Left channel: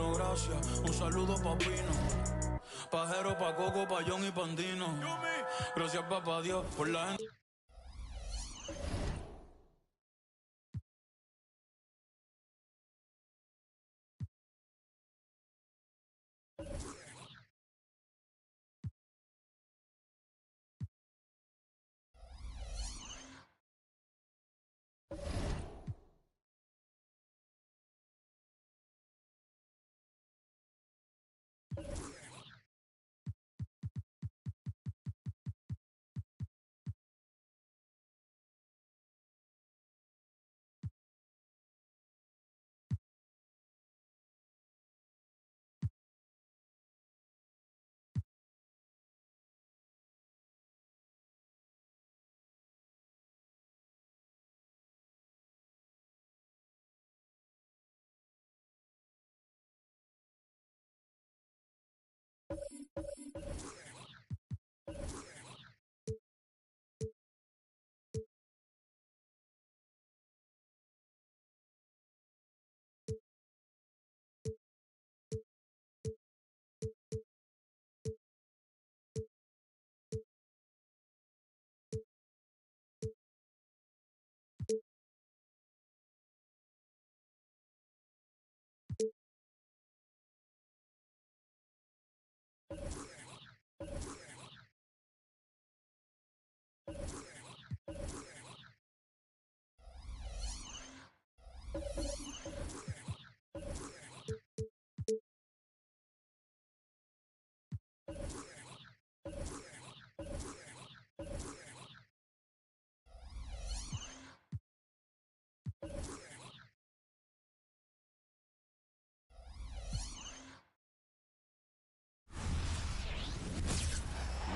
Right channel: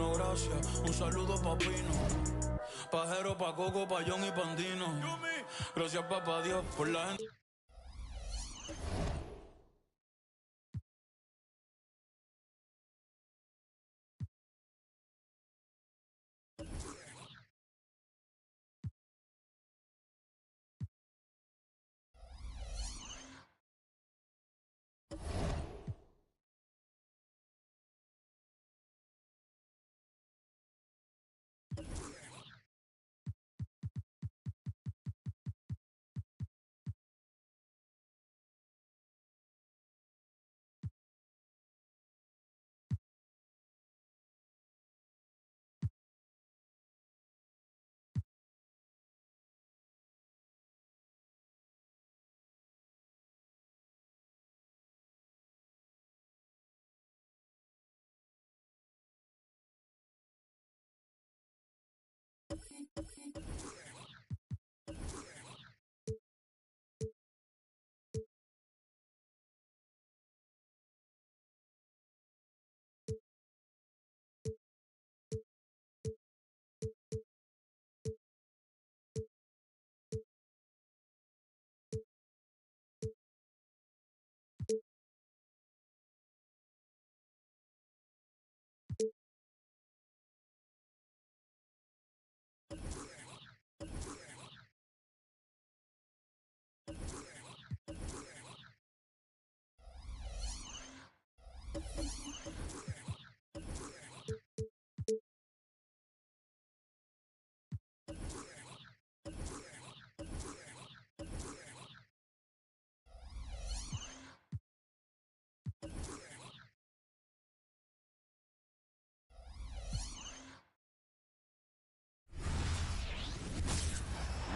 no gracias. Un saludo pa' Pino, Pajero, pa' Coco, pa' John y Pandino. Gracias papá Dios por la gente.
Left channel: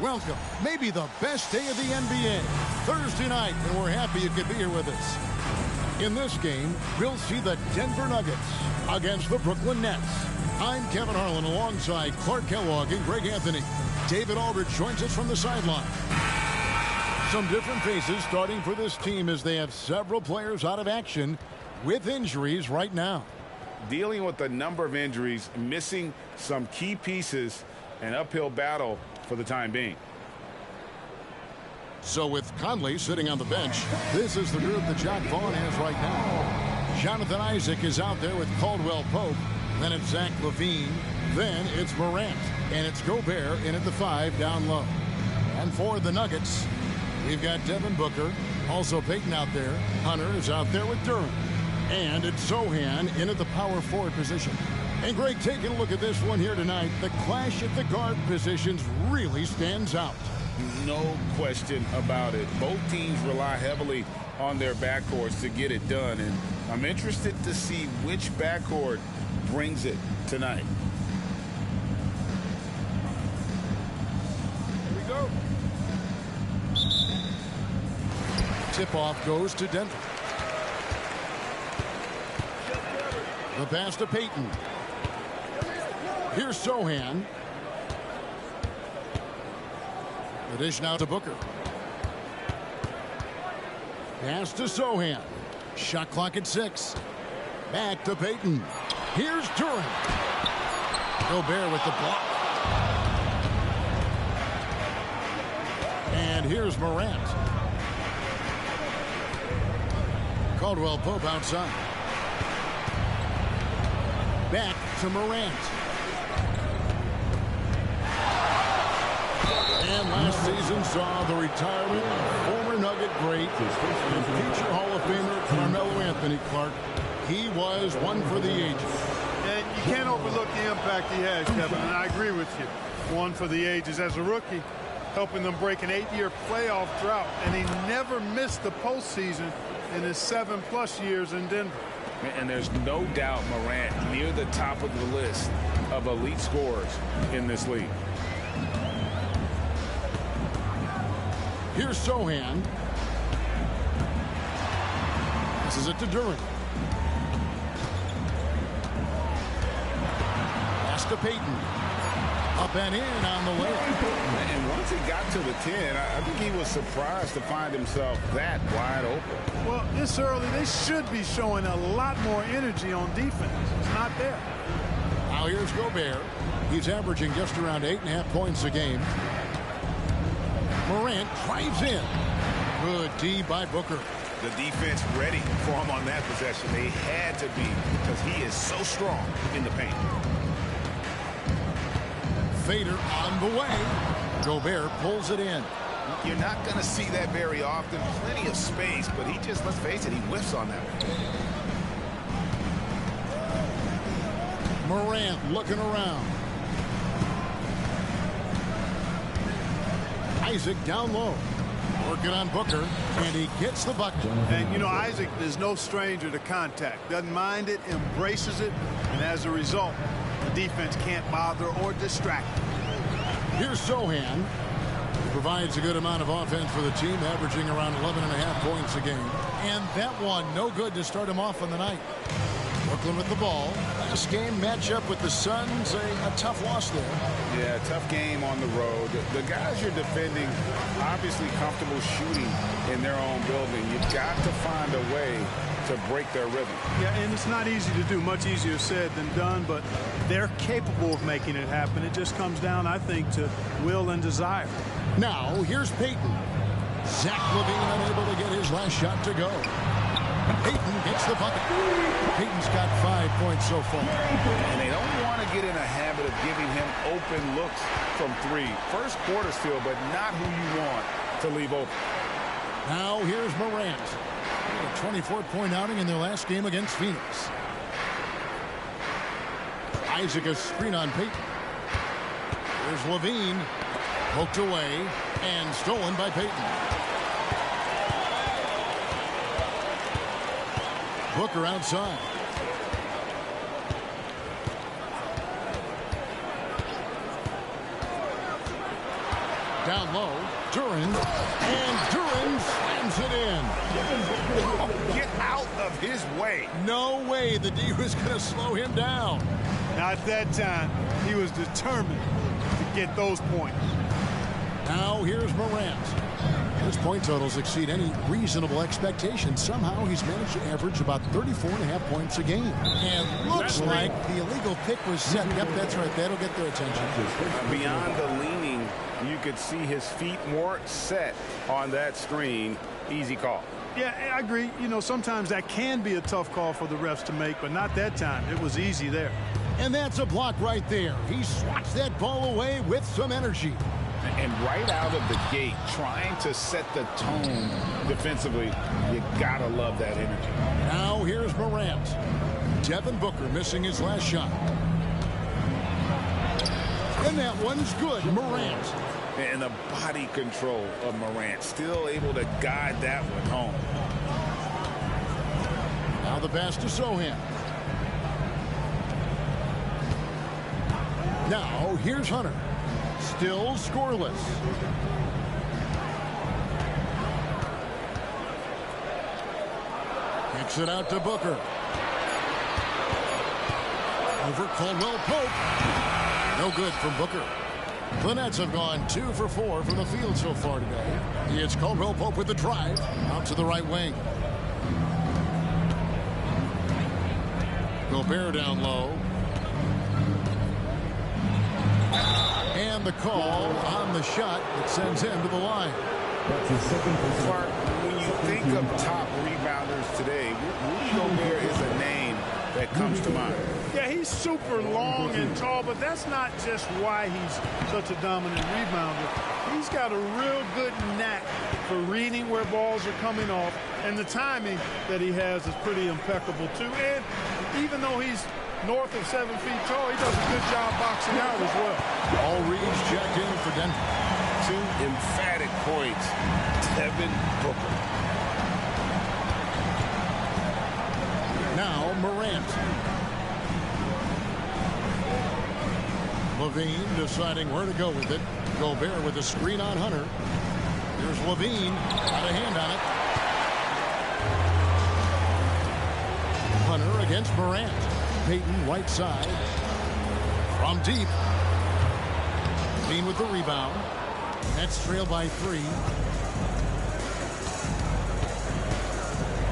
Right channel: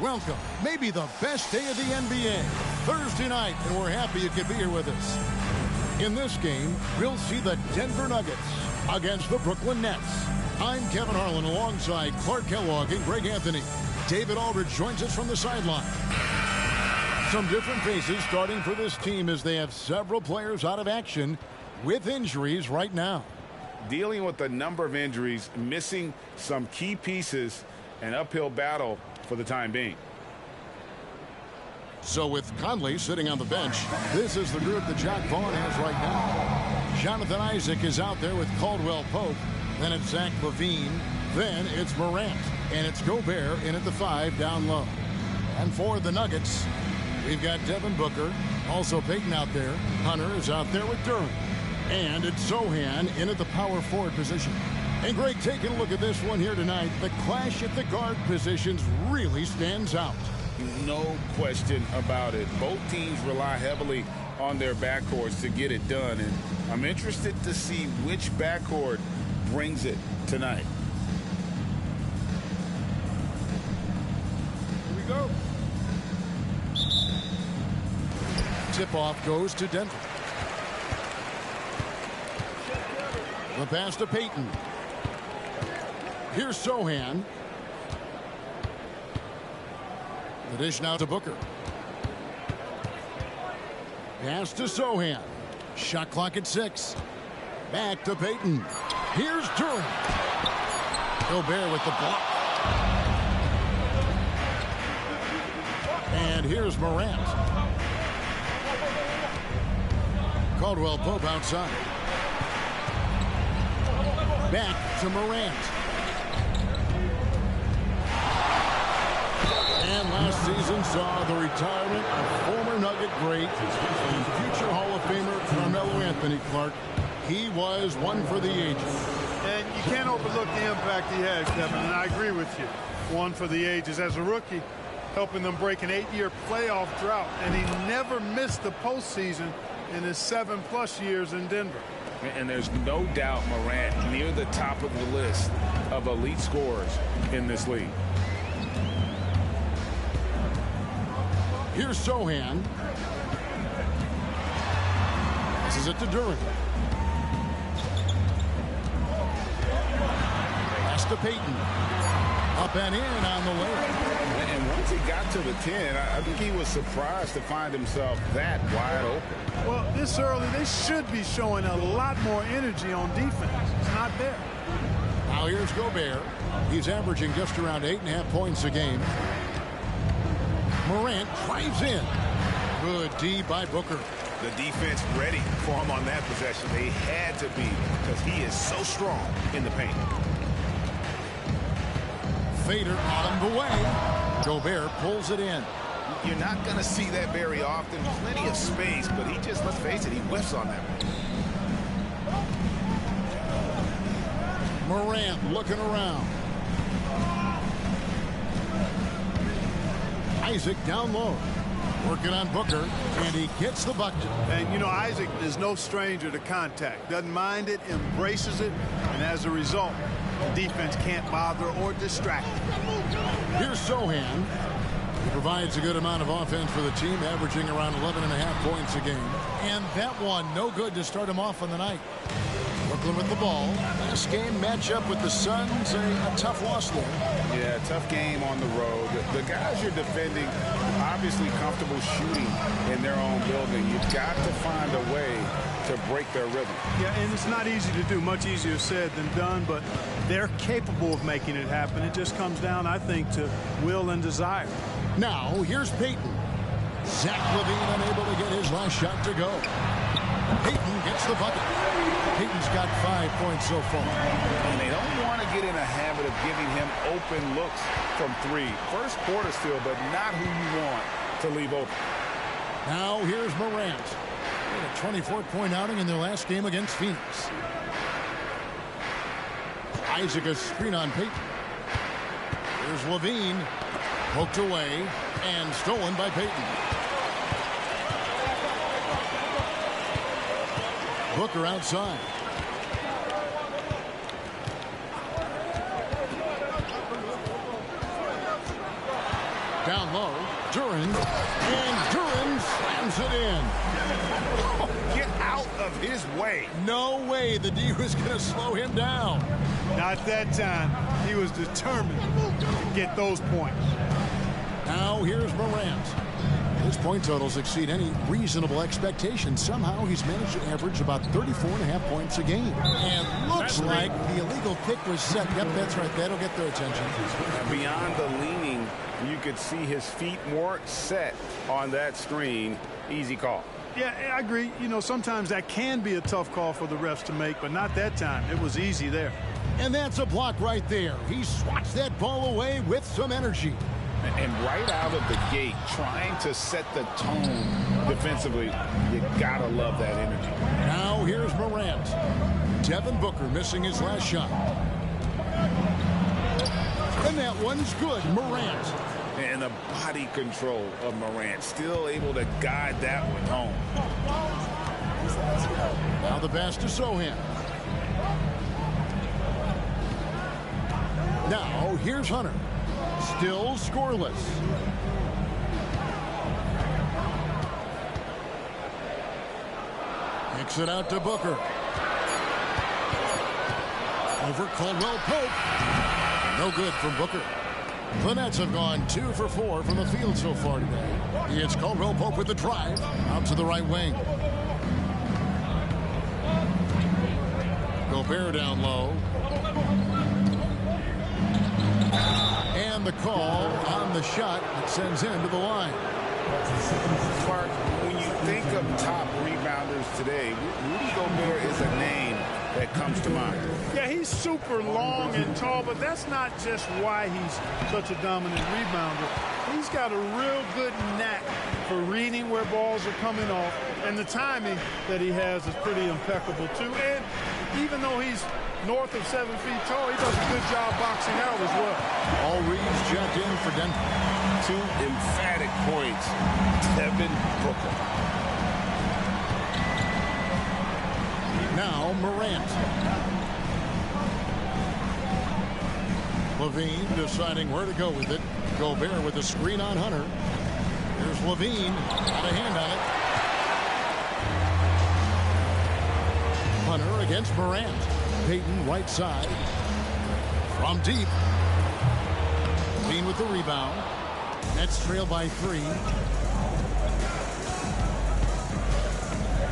Welcome, maybe the best day of the NBA, Thursday night, and we're happy you could be here with us. In this game, we'll see the Denver Nuggets against the Brooklyn Nets. I'm Kevin Harlan alongside Clark Kellogg and Greg Anthony. David Aldridge joins us from the sideline. Some different faces starting for this team as they have several players out of action with injuries right now. Dealing with a number of injuries, missing some key pieces, an uphill battle for the time being. So with Conley sitting on the bench, this is the group that Jacque Vaughn has right now. Jonathan Isaac is out there with Caldwell Pope. Then it's Zach LaVine. Then it's Morant. And it's Gobert in at the 5 down low. And for the Nuggets, we've got Devin Booker. Also Peyton out there. Hunter is out there with Durant. And it's Sohan in at the power forward position. And Greg, taking a look at this one here tonight, the clash at the guard positions really stands out. No question about it. Both teams rely heavily on their backcourts to get it done, and I'm interested to see which backcourt brings it tonight. Here we go. Tip-off goes to Denver. The pass to Peyton. Here's Sohan. The dish now to Booker. Pass to Sohan. Shot clock at 6. Back to Peyton. Here's Durant. Gobert with the block. And here's Morant. Caldwell Pope outside. Back to Morant. And last season saw the retirement of former Nugget great and future Hall of Famer Carmelo Anthony. Clark. He was one for the ages. And you can't overlook the impact he had, Kevin, and I agree with you. One for the ages as a rookie, helping them break an 8-year playoff drought, and he never missed the postseason in his 7+ years in Denver. And there's no doubt Morant near the top of the list of elite scorers in this league. Here's Sohan. Passes it to Durant. Pass to Peyton. Up and in on the layup. And once he got to the 10, I think he was surprised to find himself that wide open. Well, this early, they should be showing a lot more energy on defense. It's not there. Now here's Gobert. He's averaging just around 8.5 points a game. Morant drives in. Good D by Booker. The defense ready for him on that possession. They had to be because he is so strong in the paint. Fader on the way. Gobert pulls it in. You're not going to see that very often. Plenty of space, but he just, let's face it, he whiffs on that one. Morant looking around. Isaac down low. Working on Booker, and he gets the bucket. And, you know, Isaac is no stranger to contact. Doesn't mind it, embraces it, and as a result, the defense can't bother or distract him. Here's Sohan. He provides a good amount of offense for the team, averaging around 11.5 points a game. And that one, no good to start him off on the night. Brooklyn with the ball. Last game matchup with the Suns, a tough loss there. Yeah, tough game on the road. The guys you're defending, obviously comfortable shooting in their own building. You've got to find a way to break their rhythm. Yeah, and it's not easy to do. Much easier said than done, but they're capable of making it happen. It just comes down, I think, to will and desire. Now, here's Payton. Zach LaVine unable to get his last shot to go. Payton gets the bucket. Payton's got 5 points so far. And they don't want to get in a habit of giving him open looks from three. First quarter still, but not who you want to leave open. Now here's Morant. He had a 24-point outing in their last game against Phoenix. Isaac a screen on Payton. Here's LaVine. Poked away and stolen by Payton. Booker outside. Down low, Duran, and Duran slams it in. Get out of his way. No way the D was going to slow him down. Not that time. He was determined to get those points. Now here's Morant. His point totals exceed any reasonable expectation. Somehow he's managed to average about 34.5 points a game. And looks like the illegal pick was set. Yep, that's right. That'll get their attention. Beyond the leaning, you could see his feet more set on that screen. Easy call. Yeah, I agree. You know, sometimes that can be a tough call for the refs to make, but not that time. It was easy there. And that's a block right there. He swats that ball away with some energy. And right out of the gate, trying to set the tone defensively, you gotta love that energy. Now here's Morant. Devin Booker missing his last shot. And that one's good. Morant. And the body control of Morant, still able to guide that one home. Now the pass to Sohan. Now here's Hunter. Still scoreless. Kicks it out to Booker. Over Caldwell Pope. No good from Booker. The Nets have gone 2 for 4 from the field so far today. It's Caldwell Pope with the drive. Out to the right wing. Gobert down low. And the call on the shot that sends him to the line. Clark, when you think of top rebounders today, Rudy Gobert is a name that comes to mind. Yeah, he's super long and tall, but that's not just why he's such a dominant rebounder. He's got a real good knack for reading where balls are coming off, and the timing that he has is pretty impeccable too. And even though he's north of 7 feet tall, he does a good job boxing out as well. All reads checked in for Denver. 2 emphatic points. Devin Booker. Now Morant. LaVine deciding where to go with it. Gobert with a screen on Hunter. Here's LaVine. Got a hand on it. Hunter against Morant. Payton right side. From deep. LaVine with the rebound. Nets trail by 3.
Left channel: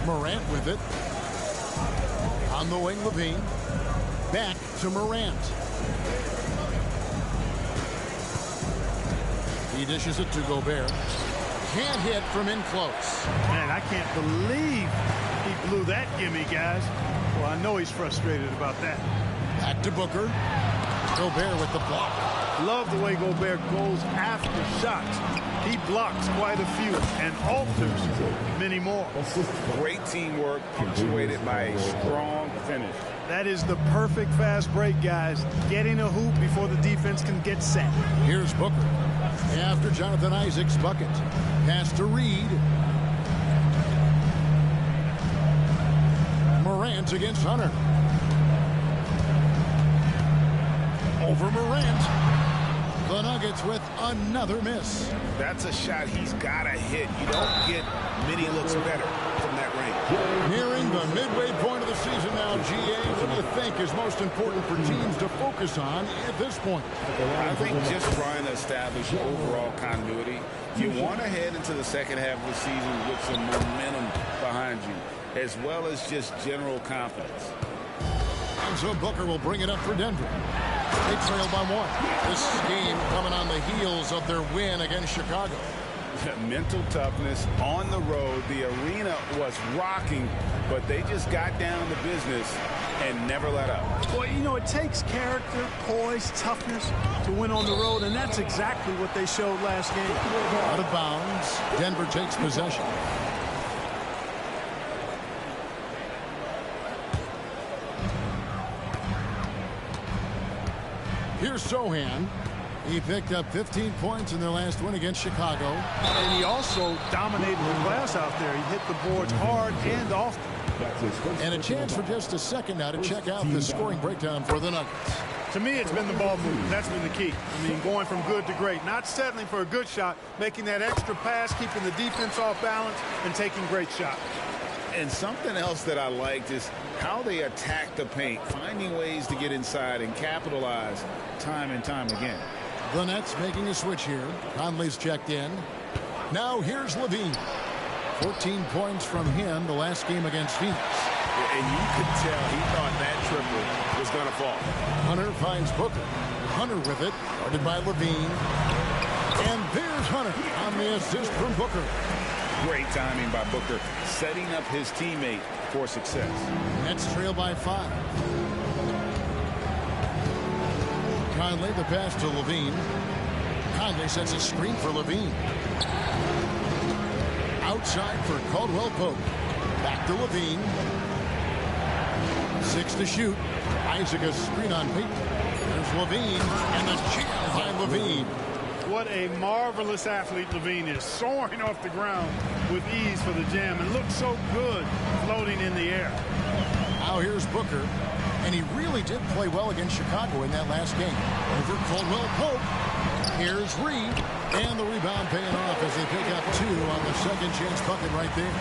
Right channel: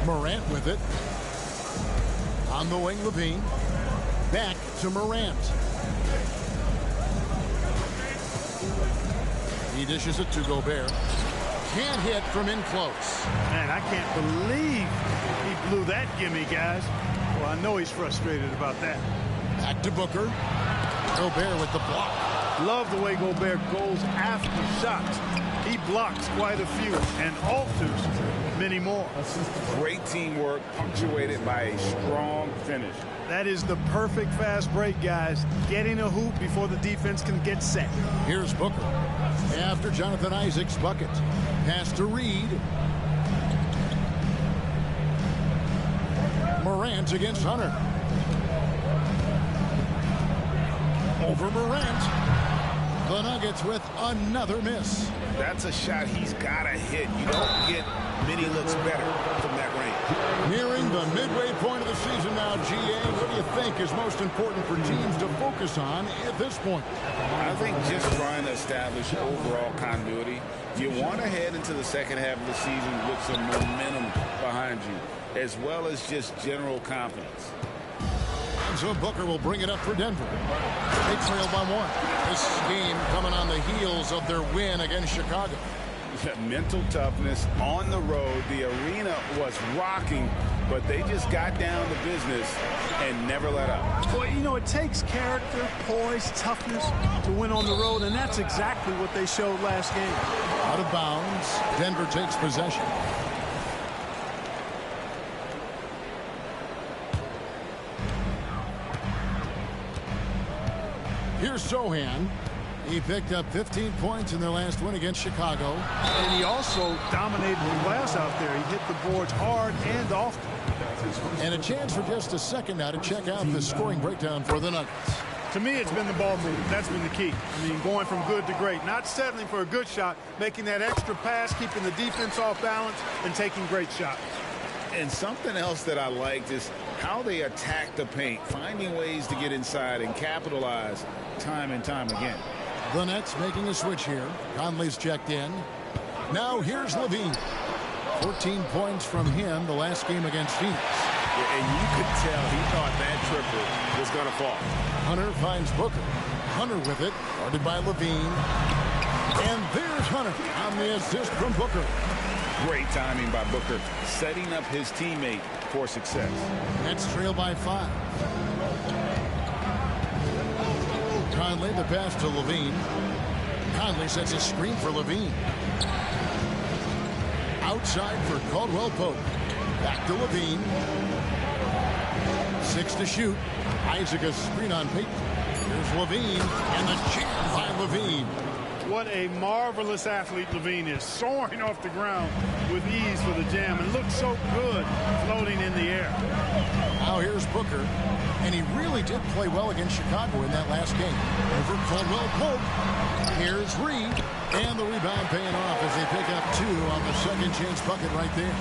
Morant with it. On the wing, LaVine. Back to Morant. He dishes it to Gobert. Can't hit from in close. Man, I can't believe he blew that gimme, guys. Well, I know he's frustrated about that. Back to Booker. Gobert with the block. Love the way Gobert goes after shots. He blocks quite a few and alters many more. Great teamwork punctuated by a strong finish. That is the perfect fast break, guys. Getting a hoop before the defense can get set. Here's Booker. After Jonathan Isaac's bucket. Pass to Reed. Morant against Hunter. Over Morant. The Nuggets with another miss. That's a shot he's got to hit. You don't get many looks better from that range. Nearing the midway point of the season now, GA. What do you think is most important for teams to focus on at this point? I think just trying to establish overall continuity. You want to head into the second half of the season with some momentum behind you, as well as just general confidence. And so Booker will bring it up for Denver. They trail by 1. This game coming on the heels of their win against Chicago. Mental toughness on the road. The arena was rocking, but they just got down to business and never let up. Well, you know, it takes character, poise, toughness to win on the road, and that's exactly what they showed last game. Out of bounds. Denver takes possession. Here's Sohan. He picked up 15 points in their last win against Chicago. And he also dominated the glass out there. He hit the boards hard and often. And a chance for just a second now to check out the scoring breakdown for the Nuggets. To me, it's been the ball movement. That's been the key. I mean, going from good to great. Not settling for a good shot, making that extra pass, keeping the defense off balance, and taking great shots. And something else that I liked is how they attack the paint, finding ways to get inside and capitalize time and time again. The Nets making a switch here. Conley's checked in. Now here's Levine. 14 points from him the last game against Phoenix. And you could tell he thought that triple was going to fall. Hunter finds Booker. Hunter with it. Guarded by Levine. And there's Hunter on the assist from Booker. Great timing by Booker, setting up his teammate for success. Nets trail by 5. Conley, the pass to Levine. Conley sets a screen for Levine. Outside for Caldwell Pope. Back to Levine. 6 to shoot. Isaac a screen on Peyton. Here's Levine, and the jam by Levine. What a marvelous athlete Levine is, soaring off the ground with ease for the jam, and looks so good floating in the air. Now here's Booker, and he really did play well against Chicago in that last game. Over Caldwell Pope. Here's Reed, and the rebound paying off as they pick up 2 on the second chance bucket right there.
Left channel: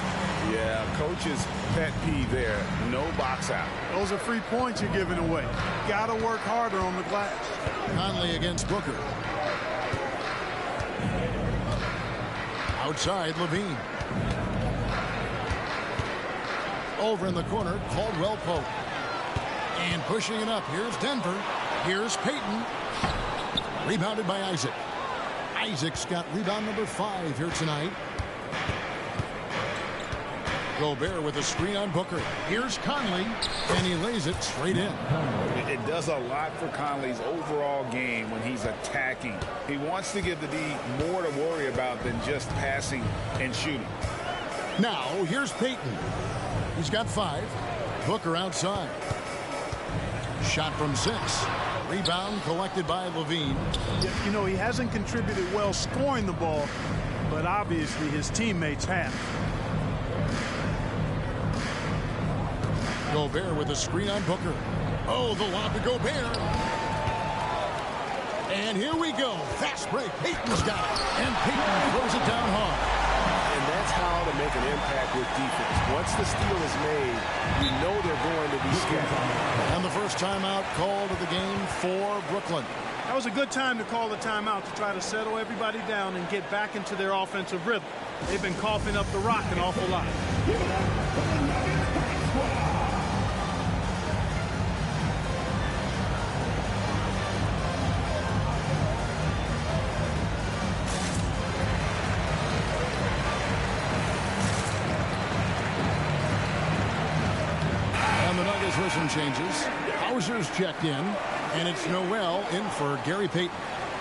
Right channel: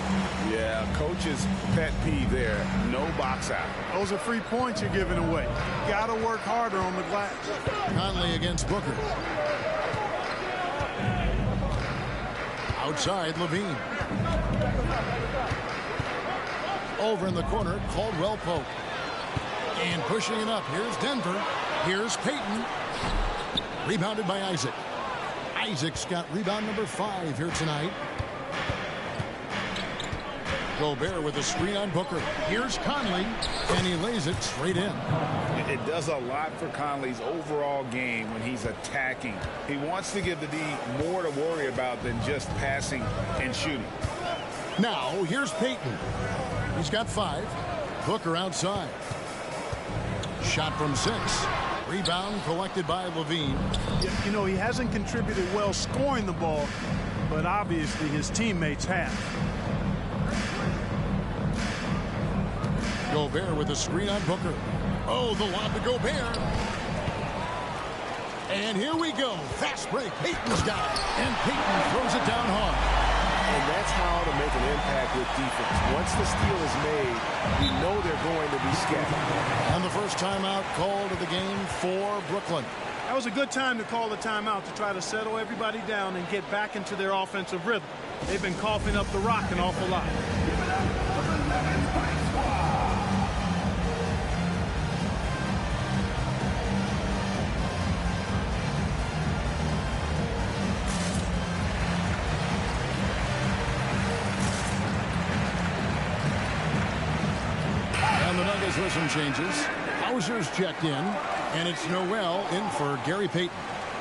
Yeah, coach's pet peeve there. No box out. Those are free points you're giving away. Got to work harder on the glass. Conley against Booker. Outside, Levine. Over in the corner, Caldwell Pope. And pushing it up, here's Denver. Here's Peyton. Rebounded by Isaac. Isaac's got rebound number 5 here tonight. Gobert with a screen on Booker. Here's Conley, and he lays it straight in. It does a lot for Conley's overall game when he's attacking. He wants to give the D more to worry about than just passing and shooting. Now, here's Peyton. He's got 5. Booker outside. Shot from 6. Rebound collected by Levine. You know, he hasn't contributed well scoring the ball, but obviously his teammates have. Gobert with a screen on Booker. Oh, the lob to Gobert. And here we go. Fast break. Peyton's got it. And Peyton throws it down hard. And that's how to make an impact with defense. Once the steal is made, you know they're going to be scattered. And the first timeout called of the game for Brooklyn. That was a good time to call the timeout to try to settle everybody down and get back into their offensive rhythm. They've been coughing up the rock an awful lot. Royals with some changes. Hauser's checked in, and it's Noel in for Gary Payton.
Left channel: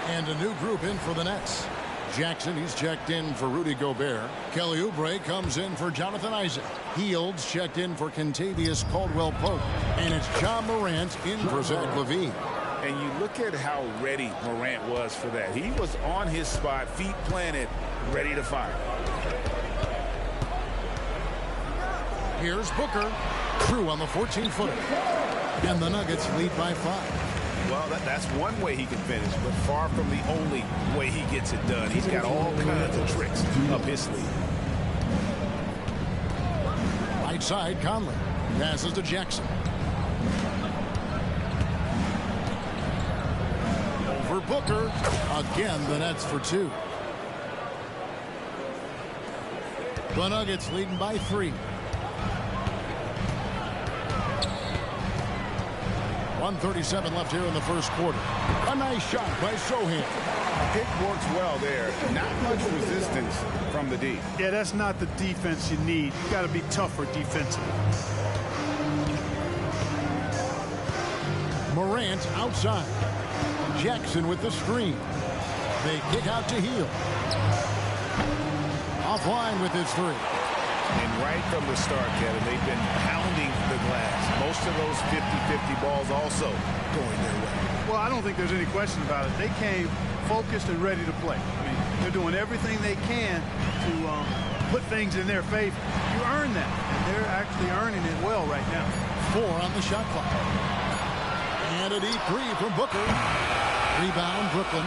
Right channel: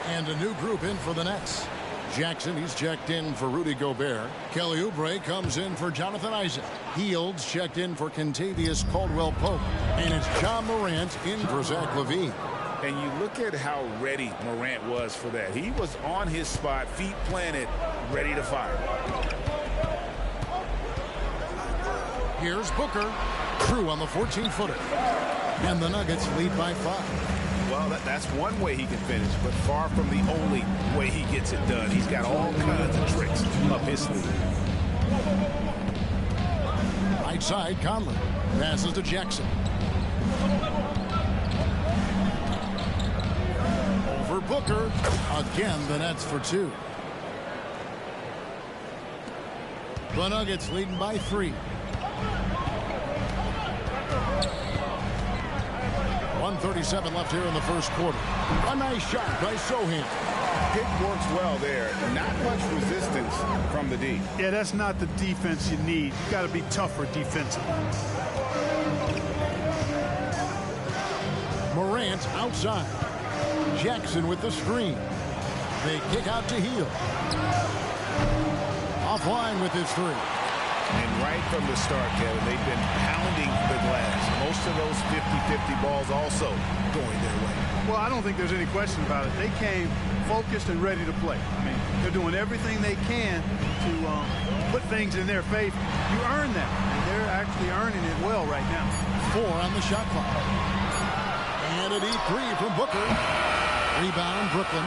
And a new group in for the Nets. Jackson, he's checked in for Rudy Gobert. Kelly Oubre comes in for Jonathan Isaac. Fields checked in for Kentavious Caldwell-Pope. And it's John Morant in for Zach LaVine. And you look at how ready Morant was for that. He was on his spot, feet planted, ready to fire. Here's Booker. True on the 14-footer. And the Nuggets lead by 5. Well, that's one way he can finish, but far from the only way he gets it done. He's got all kinds of tricks up his sleeve. Right side, Conley. Passes to Jackson. Over Booker. Again, the Nets for 2. The Nuggets leading by 3. 1:37 left here in the first quarter. A nice shot by Sohan. Pick works well there. Not much resistance from the D. Yeah, that's not the defense you need. You got to be tougher defensively. Morant outside. Jackson with the screen. They kick out to Hield. Offline with his 3. And right from the start, Kevin, they've been pounding the glass. Most of those 50-50 balls also going their way. Well, I don't think there's any question about it. They came focused and ready to play. I mean, they're doing everything they can to put things in their favor. You earn that, and they're actually earning it well right now. 4 on the shot clock. And a deep 3 from Booker. Rebound, Brooklyn.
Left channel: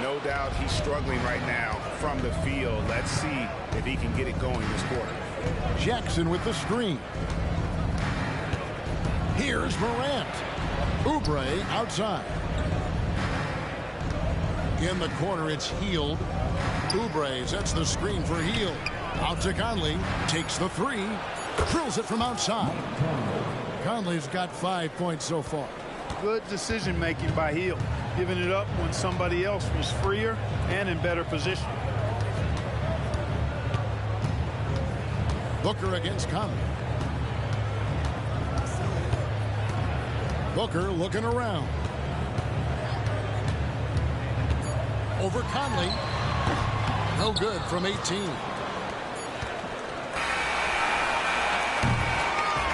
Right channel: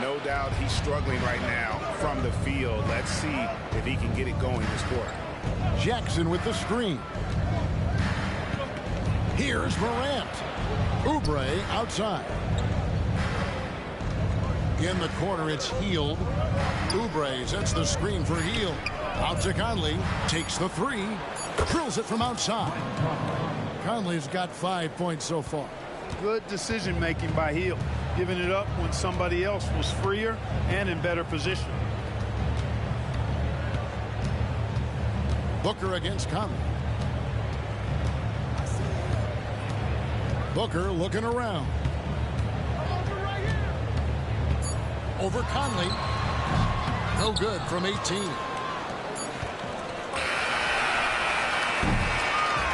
No doubt he's struggling right now from the field. Let's see if he can get it going this quarter. Jackson with the screen. Here's Morant. Oubre outside. In the corner, it's Hield. Oubre sets the screen for Hield. Out to Conley. Takes the 3. Drills it from outside. Conley's got 5 points so far. Good decision-making by Hield. Giving it up when somebody else was freer and in better position. Booker against Conley. Booker looking around. Over Conley. No good from 18.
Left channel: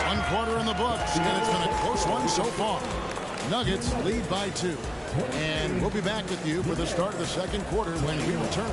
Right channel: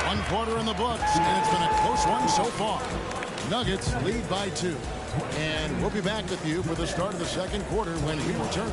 1 quarter in the books, and it's been a close one so far. Nuggets lead by 2. And we'll be back with you for the start of the second quarter when we return.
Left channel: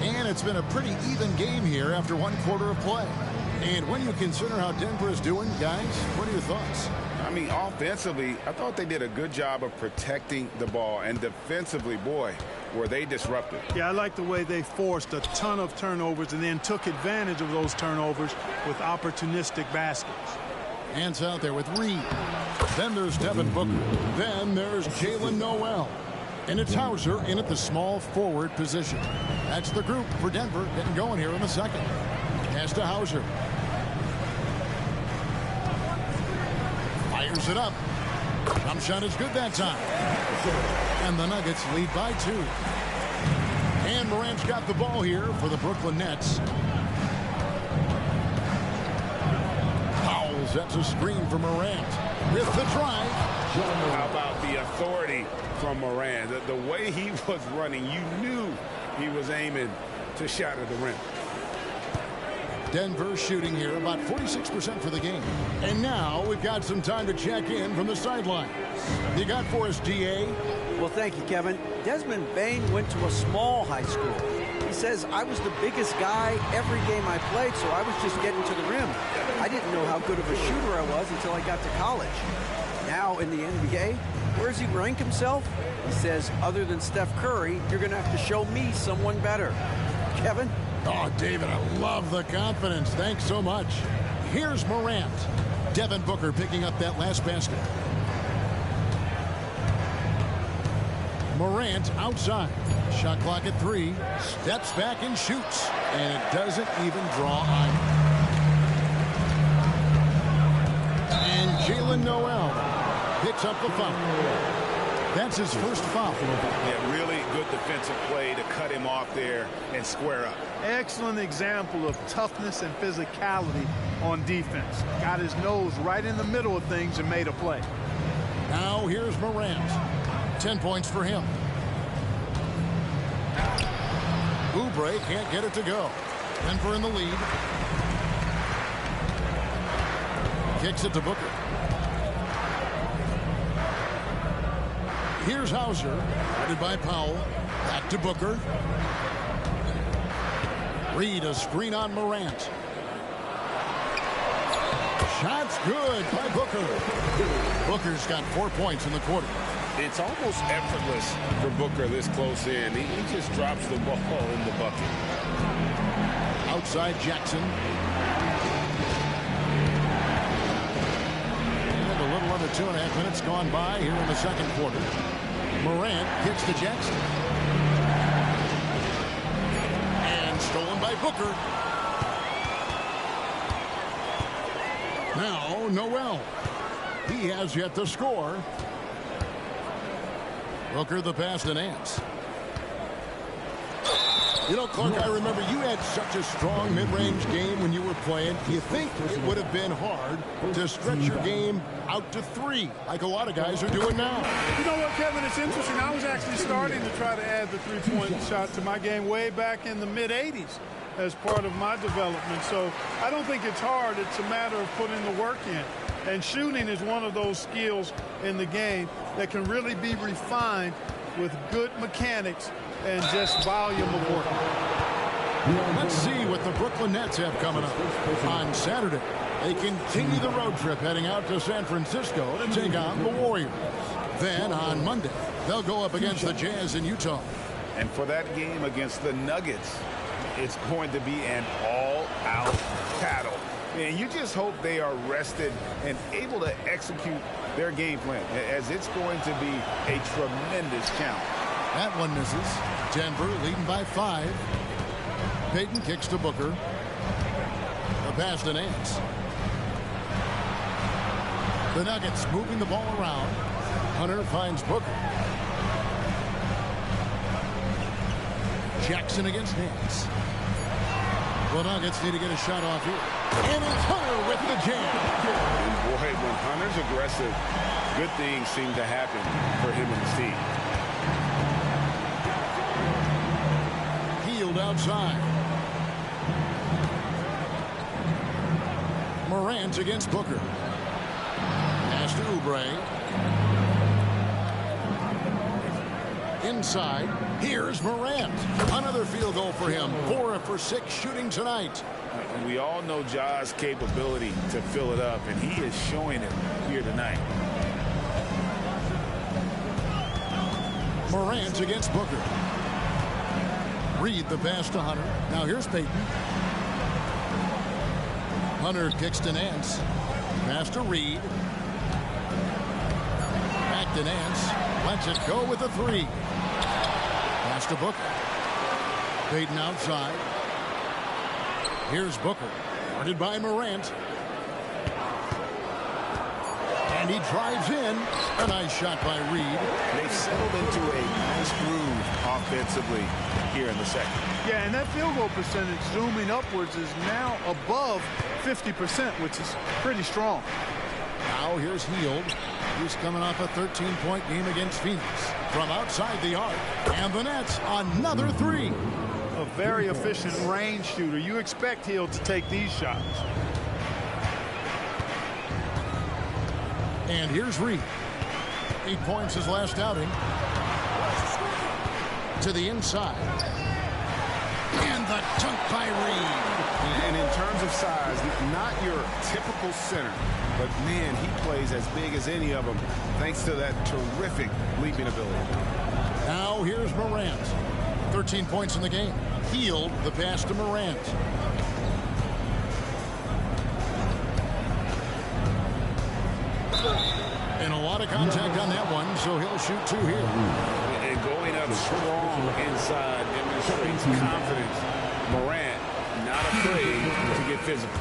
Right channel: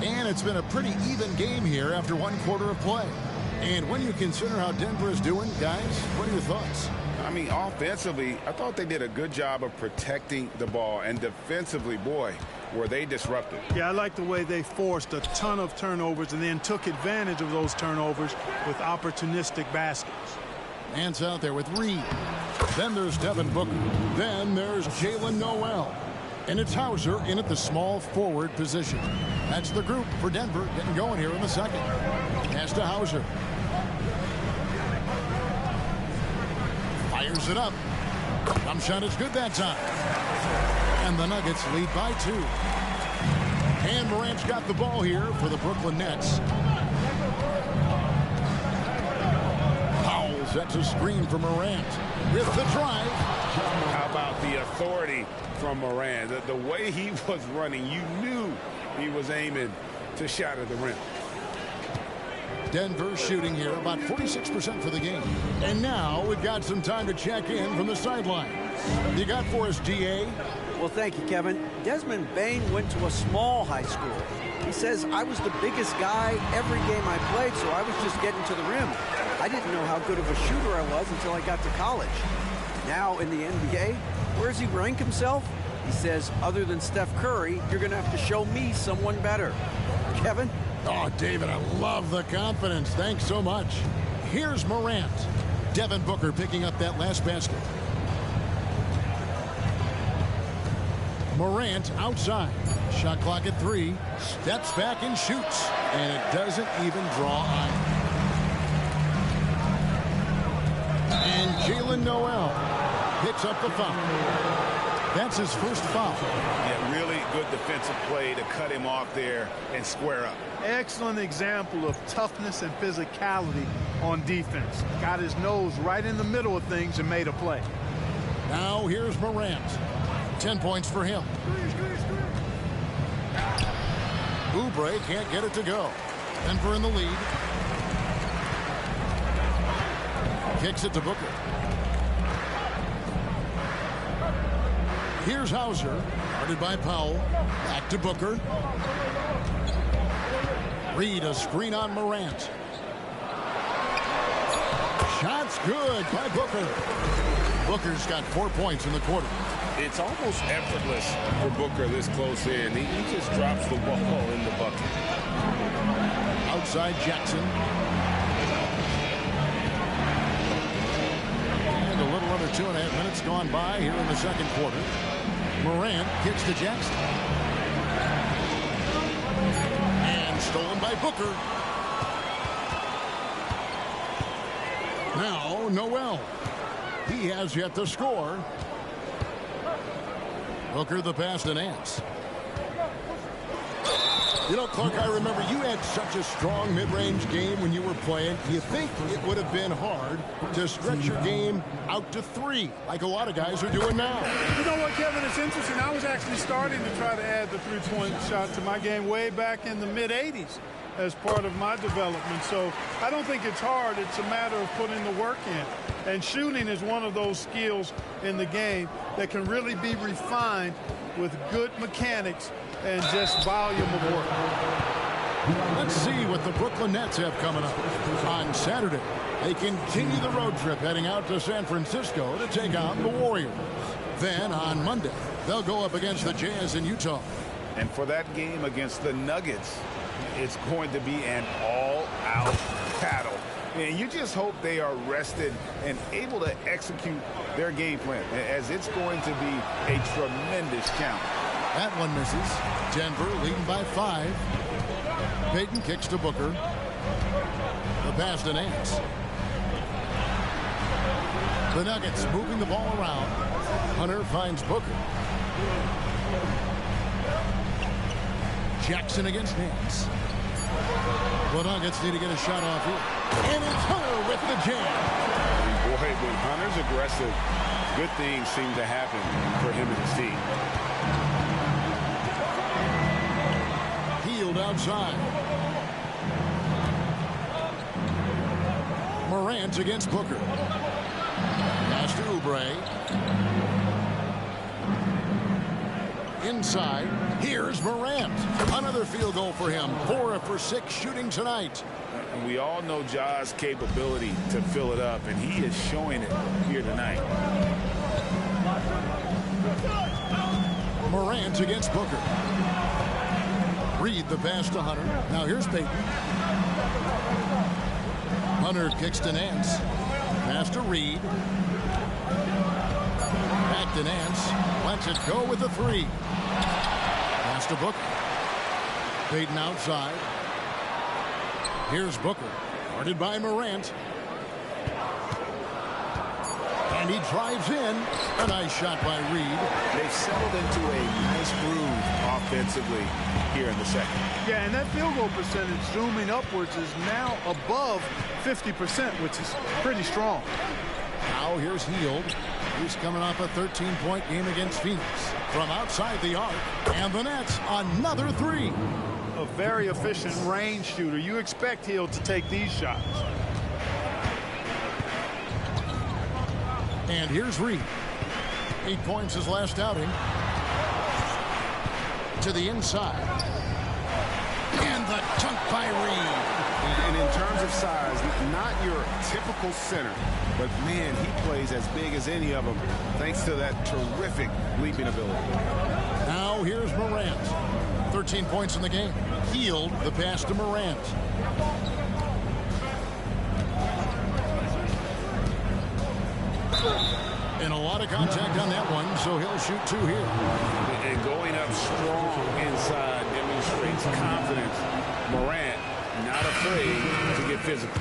And it's been a pretty even game here after 1 quarter of play. And when you consider how Denver is doing, guys, what are your thoughts? I mean, offensively, I thought they did a good job of protecting the ball. And defensively, boy, were they disruptive. Yeah, I like the way they forced a ton of turnovers and then took advantage of those turnovers with opportunistic baskets. Nance out there with Reed. Then there's Devin Booker. Then there's Jalen Noel. And it's Hauser in at the small forward position. That's the group for Denver getting going here in the second. Pass to Hauser. Fires it up. Jump shot is good that time. And the Nuggets lead by 2. And Morant's got the ball here for the Brooklyn Nets. Powell sets a screen for Morant with the drive. How about the authority from Morant? The way he was running, you knew he was aiming to shatter the rim. Denver shooting here about 46% for the game. And now we've got some time to check in from the sideline. You got for us, DA? Well, thank you, Kevin. Desmond Bain went to a small high school. He says, I was the biggest guy every game I played, so I was just getting to the rim. I didn't know how good of a shooter I was until I got to college. Now in the NBA, where does he rank himself? He says, other than Steph Curry, you're going to have to show me someone better. Kevin? Oh, David, I love the confidence. Thanks so much. Here's Morant. Devin Booker picking up that last basket. Morant outside. Shot clock at 3. Steps back and shoots. And it doesn't even draw iron. And Jalen Noel picks up the foul. That's his first foul. Yeah, really good defensive play to cut him off there and square up. Excellent example of toughness and physicality on defense. Got his nose right in the middle of things and made a play. Now here's Morant. 10 points for him. Oubre can't get it to go. Denver in the lead. Kicks it to Booker. Here's Hauser. Guarded by Powell. Back to Booker. Reed, a screen on Morant. Shot's good by Booker. Booker's got 4 points in the quarter. It's almost effortless for Booker this close in. He just drops the ball in the bucket. Outside Jackson. And a little under 2.5 minutes gone by here in the second quarter. Morant kicks to Jackson. And stolen by Booker. Now Noel. He has yet to score. Booker the pass to Nance. You know, Clark, I remember you had such a strong mid-range game when you were playing. Do you think it would have been hard to stretch your game out to 3 like a lot of guys are doing now? You know what, Kevin? It's interesting. I was actually starting to try to add the three-point shot to my game way back in the mid-'80s as part of my development. So I don't think it's hard. It's a matter of putting the work in. And shooting is one of those skills in the game that can really be refined with good mechanics and just volume of work. Let's see what the Brooklyn Nets have coming up. On Saturday, they continue the road trip heading out to San Francisco to take on the Warriors. Then on Monday, they'll go up against the Jazz in Utah. And for that game against the Nuggets, it's going to be an all-out battle. And you just hope they are rested and able to execute their game plan, as it's going to be a tremendous challenge. That one misses. Denver leading by 5. Payton kicks to Booker. The pass to Nance. The Nuggets moving the ball around. Hunter finds Booker. Jackson against Nance. The Nuggets need to get a shot off here. And it's Hunter with the jam. And boy, when Hunter's aggressive, good things seem to happen for him and his team. Healed outside. Morant against Booker. Pass to Oubre. Inside. Here's Morant. Another field goal for him. 4 for 6 shooting tonight. And we all know Ja's capability to fill it up, and he is showing it here tonight. Morant against Booker. Reed the pass to Hunter. Now here's Payton. Hunter kicks to Nance. Pass to Reed. Back to Nance. Lets it go with the 3. Pass to Booker. Payton outside. Here's Booker. Guarded by Morant. And he drives in. A nice shot by Reed. They've settled into a nice groove offensively here in the second. Yeah, and that field goal percentage zooming upwards is now above 50%, which is pretty strong. Now here's Hield. He's coming off a 13-point game against Phoenix. From outside the arc. And the Nets, another 3. A very efficient range shooter. You expect Hield to take these shots. And here's Reed. 8 points his last outing. To the inside. And the dunk by Reed. And in terms of size, not your typical center. but man, he plays as big as any of them thanks to that terrific leaping ability. Now here's Morant. 13 points in the game. Healed the pass to Morant. And a lot of contact on that one, so he'll shoot 2 here. And going up strong inside demonstrates confidence. Morant not afraid to get physical.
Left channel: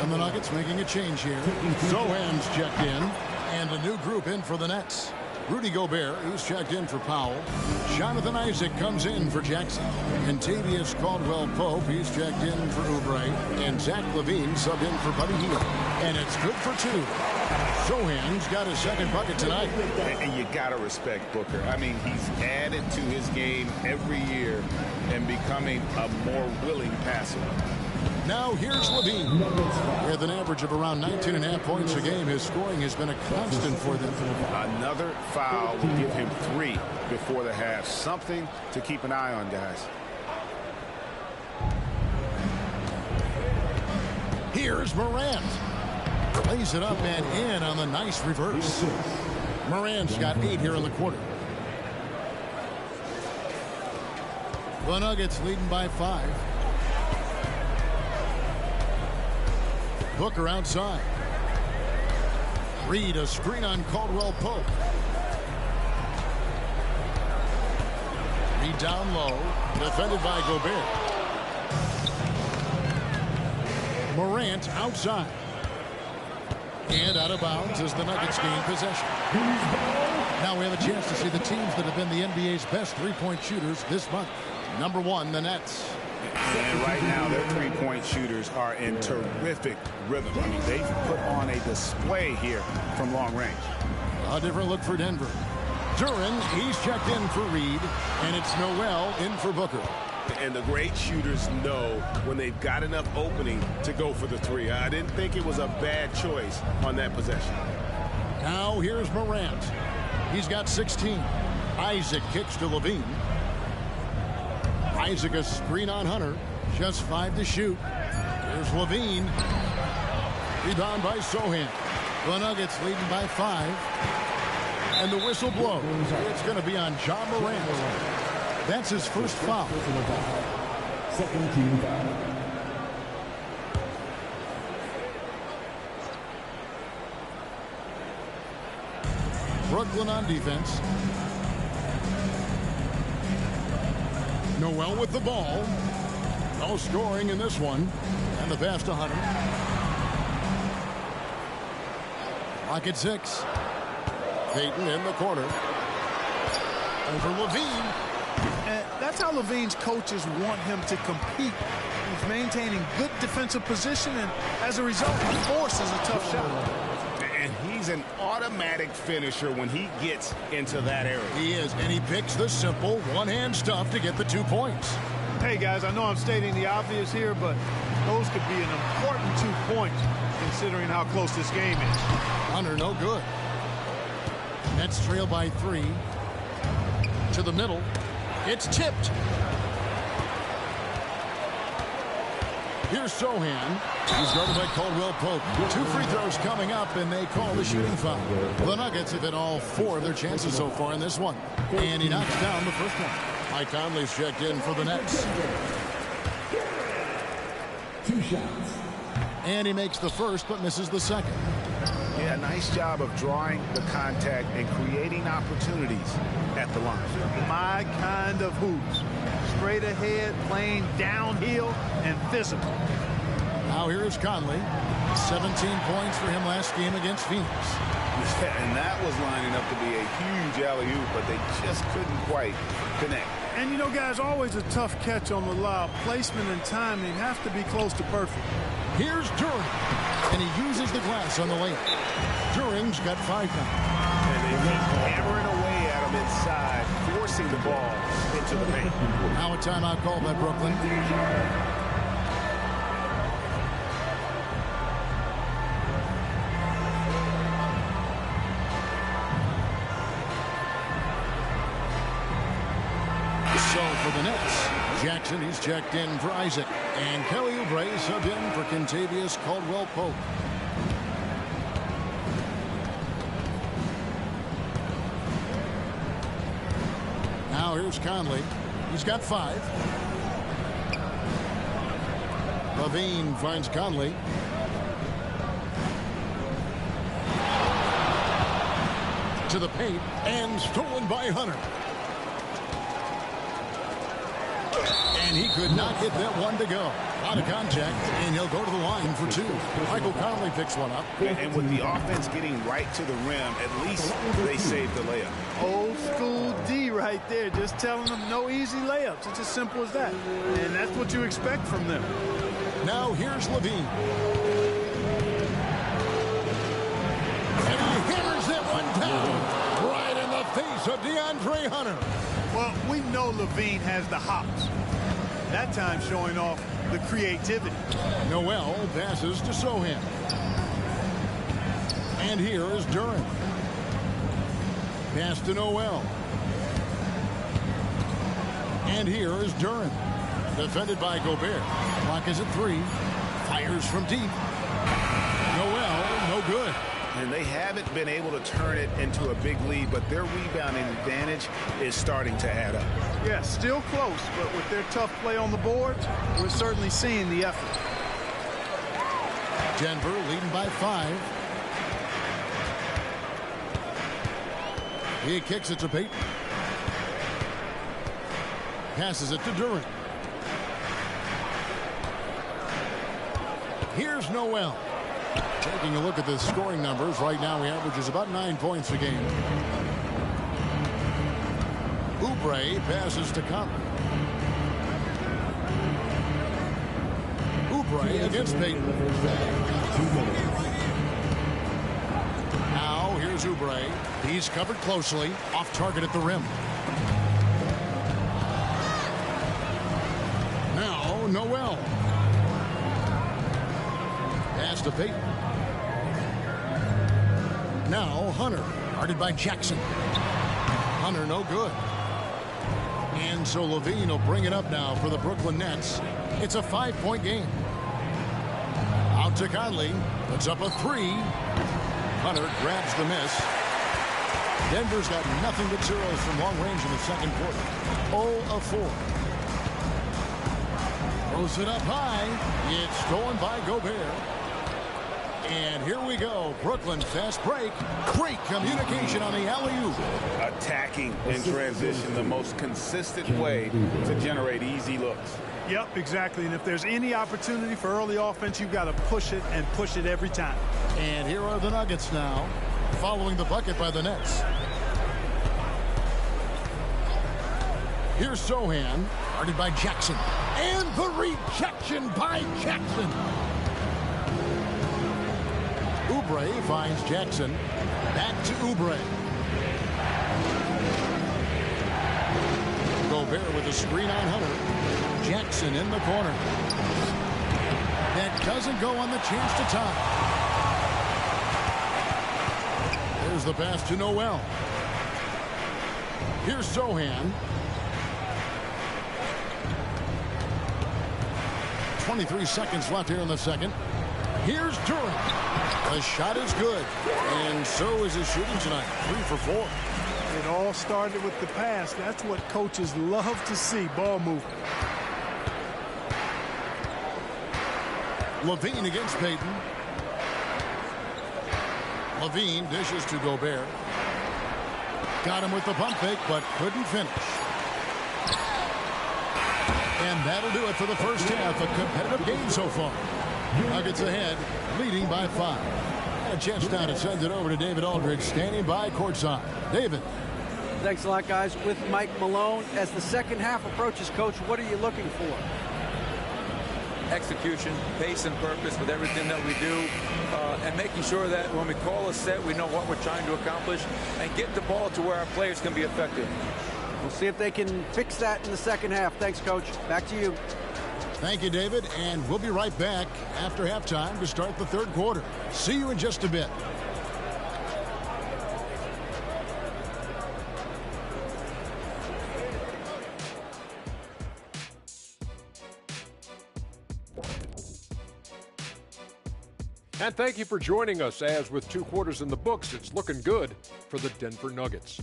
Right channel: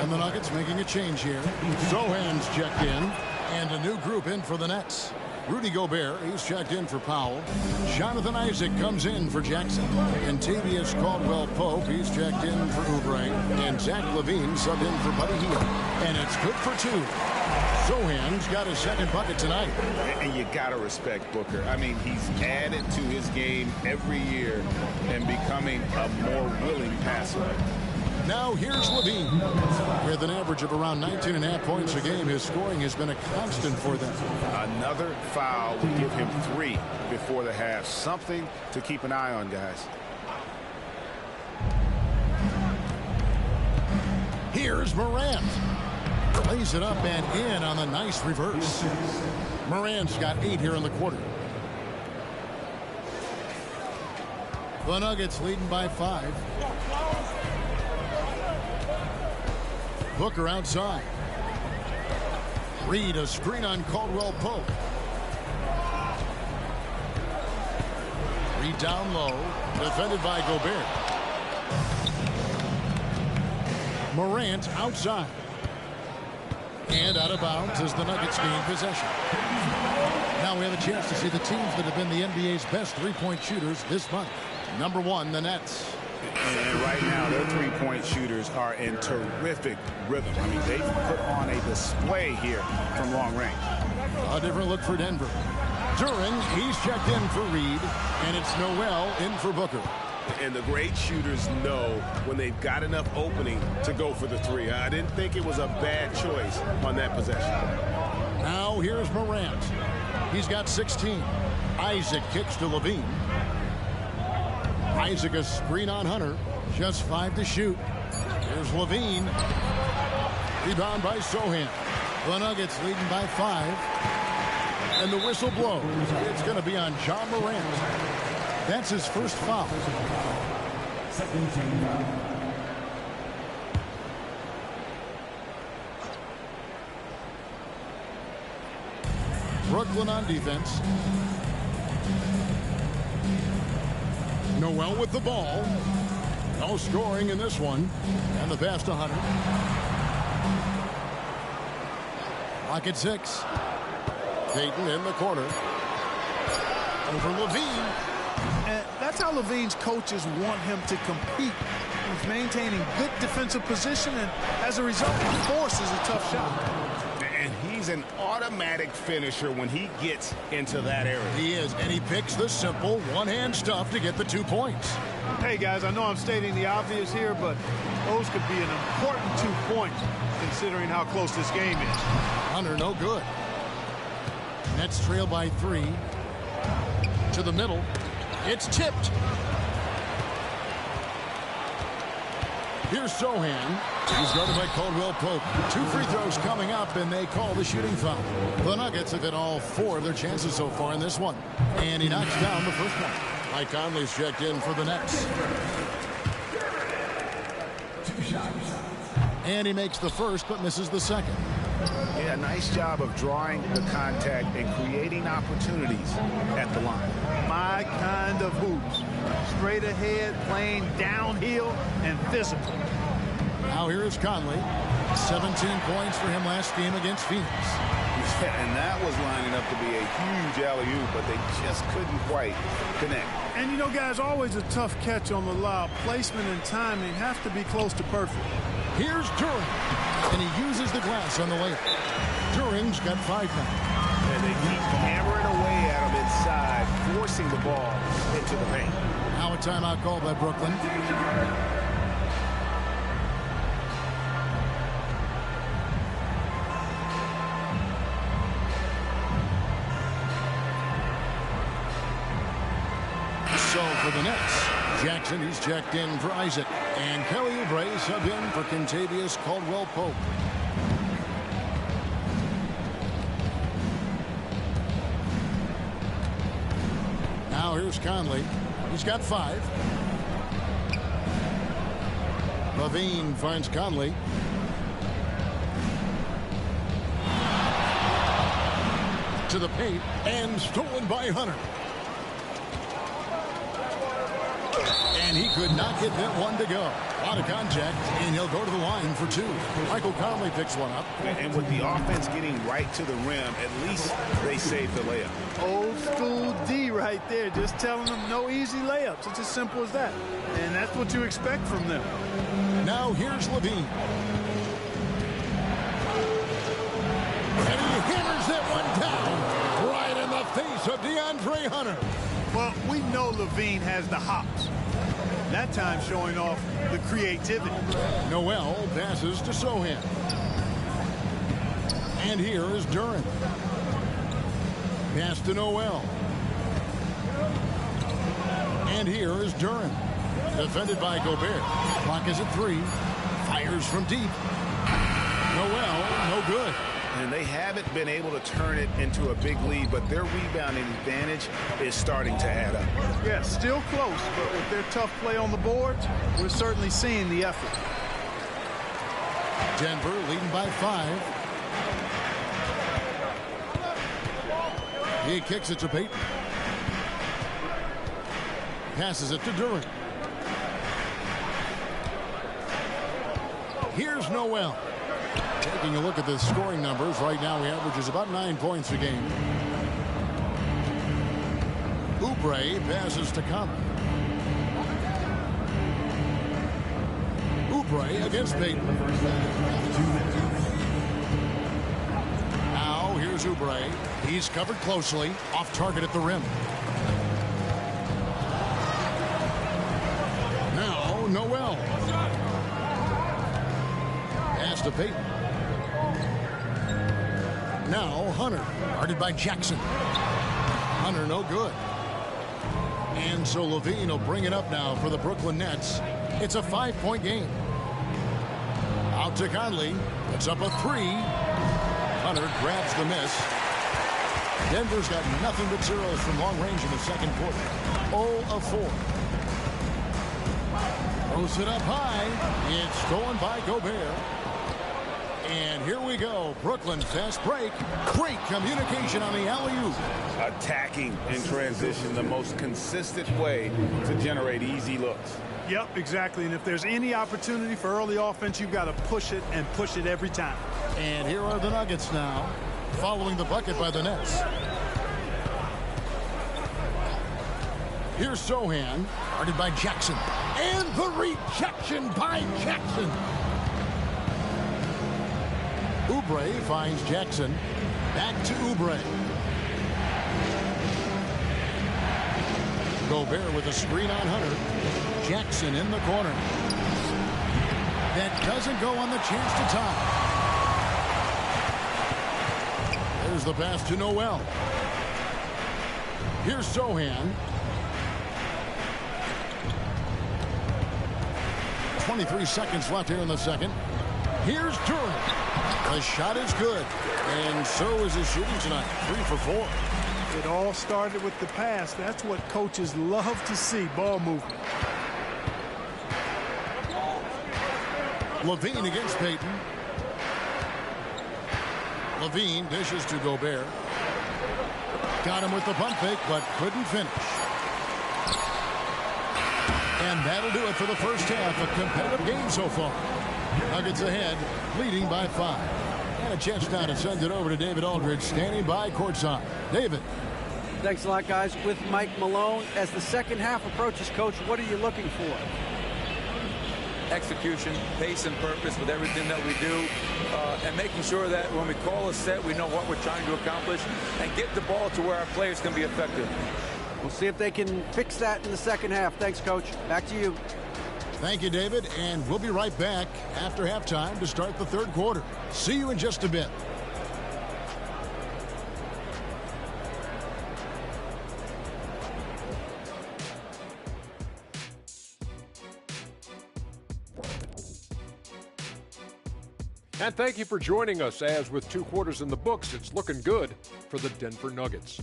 And the Nuggets making a change here. Sohan's checked in, and a new group in for the Nets. Rudy Gobert, he's checked in for Powell. Jonathan Isaac comes in for Jackson. And Tavius Caldwell-Pope, he's checked in for Oubre. And Zach LaVine subbed in for Buddy Hield. And it's good for 2. Sohan's got his second bucket tonight. And you got to respect Booker. I mean, he's added to his game every year and becoming a more willing passer. Now here's LaVine. With an average of around 19.5 points a game, his scoring has been a constant for them. Another foul will give him 3 before the half. Something to keep an eye on, guys. Here's Morant. Lays it up and in on the nice reverse. Morant's got 8 here in the quarter. The Nuggets leading by 5. Booker outside. Reed a screen on Caldwell-Pope. Reed down low. Defended by Gobert. Morant outside. And out of bounds as the Nuggets gain possession. Now we have a chance to see the teams that have been the NBA's best three-point shooters this month. Number 1, the Nets. And right now, their three-point shooters are in terrific rhythm. I mean, they've put on a display here from long range. A different look for Denver. Duren, he's checked in for Reed, and it's Noel in for Booker. And the great shooters know when they've got enough opening to go for the 3. I didn't think it was a bad choice on that possession. Now here's Morant. He's got 16. Isaac kicks to LaVine. Isaac a screen on Hunter. Just 5 to shoot. Here's LaVine. Rebound by Sohan. The Nuggets leading by 5. And the whistle blows. It's going to be on John Morant. That's his first foul. Second team foul. Brooklyn on defense. Noel with the ball. No scoring in this one. And the pass to Hunter. Clock at 6. Payton in the corner. Over LaVine. And that's how LaVine's coaches want him to compete. He's maintaining good defensive position, and as a result, he forces a tough shot. And he's an automatic finisher when he gets into that area. He is, and he picks the simple one-hand stuff to get the 2 points. Hey, guys, I know I'm stating the obvious here, but those could be an important 2 points considering how close this game is. Hunter, no good. Nets trail by 3. To the middle. It's tipped. Here's Sohan. He's guarded by Caldwell-Pope. 2 free throws coming up, and they call the shooting foul. The Nuggets have hit all 4 of their chances so far in this one. And he knocks down the first one. Mike Conley's checked in for the Nets. 2 shots. And he makes the first, but misses the second. Yeah, nice job of drawing the contact and creating opportunities at the line. My kind of hoops. Straight ahead, playing downhill, and physical. Now here's Conley. 17 points for him last game against Phoenix. Yeah, and that was lining up to be a huge alley-oop, but they just couldn't quite connect. And you know, guys, always a tough catch on the lob. Placement and timing have to be close to perfect. Here's Duren, and he uses the glass on the layup. Duren's got 5 now. And they keep hammering away at him inside, forcing the ball into the paint. Now a timeout called by Brooklyn. So for the Nets, Jackson, he's checked in for Isaac. And Kelly Oubre subbed in for Kentavious Caldwell-Pope. here's Conley. He's got 5. Levine finds Conley. To the paint, and stolen by Hunter. And he could not get that one to go. A lot of contact, and he'll go to the line for 2. Michael Conley picks one up. And with the offense getting right to the rim, at least they saved the layup. Old school D right there, just telling them no easy layups. It's as simple as that. And that's what you expect from them. Now here's Levine. And he hammers that one down right in the face of DeAndre Hunter. Well, we know Levine has the hops. That time showing off the creativity. Noel passes to Sohan. And here is Duran. Pass to Noel. And here is Duran. Defended by Gobert. Clock is at 3. Fires from deep. Noel, no good. And they haven't been able to turn it into a big lead, but their rebounding advantage is starting to add up. Yeah, still close, but with their tough play on the boards, we're certainly seeing the effort. Denver leading by 5. He kicks it to Payton. Passes it to Duran. Here's Noel. Taking a look at the scoring numbers, right now he averages about 9 points a game. Oubre passes to Conley. Oubre against Payton. Now here's Oubre. He's covered closely, off target at the rim. Now Noel. Pass to Payton. Now Hunter, guarded by Jackson. Hunter no good. And so Levine will bring it up now for the Brooklyn Nets. It's a 5-point game. Out to Conley, puts up a 3. Hunter grabs the miss. Denver's got nothing but zeros from long range in the second quarter. 0 of 4. Throws it up high. It's stolen by Gobert. And here we go. Brooklyn fast break. Great communication on the alley-oop. Attacking in transition, the most consistent way to generate easy looks. Yep, exactly. And if there's any opportunity for early offense, you've got to push it and push it every time. And here are the Nuggets now, following the bucket by the Nets. Here's Sohan, guarded by Jackson. And the rejection by Jackson. Oubre finds Jackson. Back to Oubre. Gobert with a screen on Hunter. Jackson in the corner. That doesn't go on the chance to tie. There's the pass to Noel. Here's Sohan. 23 seconds left here in the second. Here's Duran. The shot is good. And so is his shooting tonight. 3 for 4. It all started with the pass. That's what coaches love to see, ball movement. Levine against Payton. Levine dishes to Gobert. Got him with the pump fake, but couldn't finish. And that'll do it for the first half. A competitive game so far. Nuggets ahead, leading by 5. And a chance now to send it over to David Aldridge, standing by courtside. David. Thanks a lot, guys. With Mike Malone, as the second half approaches, Coach, what are you looking for? Execution, pace and purpose with everything that we do, and making sure that when we call a set, we know what we're trying to accomplish and get the ball to where our players can be effective. We'll see if they can fix that in the second half. Thanks, Coach. Back to you. Thank you, David, and we'll be right back after halftime to start the third quarter. See you in just a bit. And thank you for joining us, as with 2 quarters in the books, it's looking good for the Denver Nuggets.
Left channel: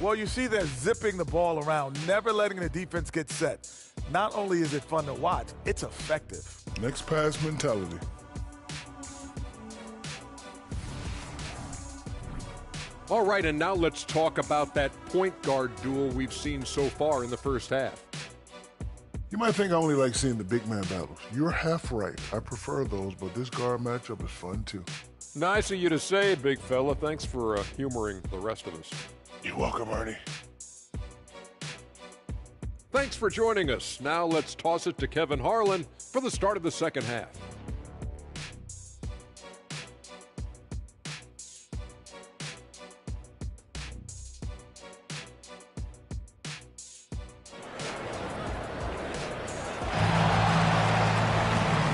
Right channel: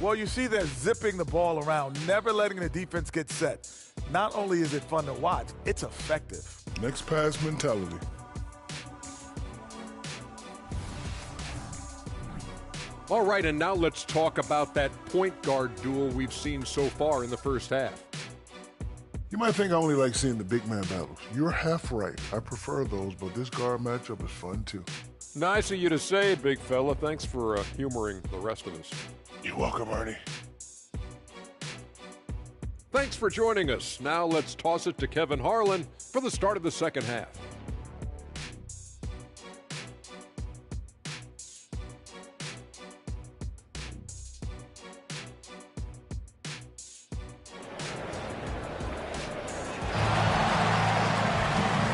Well, you see they're zipping the ball around, never letting the defense get set. Not only is it fun to watch, it's effective. Next pass mentality. All right, and now let's talk about that point guard duel we've seen so far in the first half. You might think I only like seeing the big man battles. You're half right. I prefer those, but this guard matchup is fun too. Nice of you to say, big fella. Thanks for humoring the rest of us. You're welcome, Ernie. Thanks for joining us. Now let's toss it to Kevin Harlan for the start of the second half.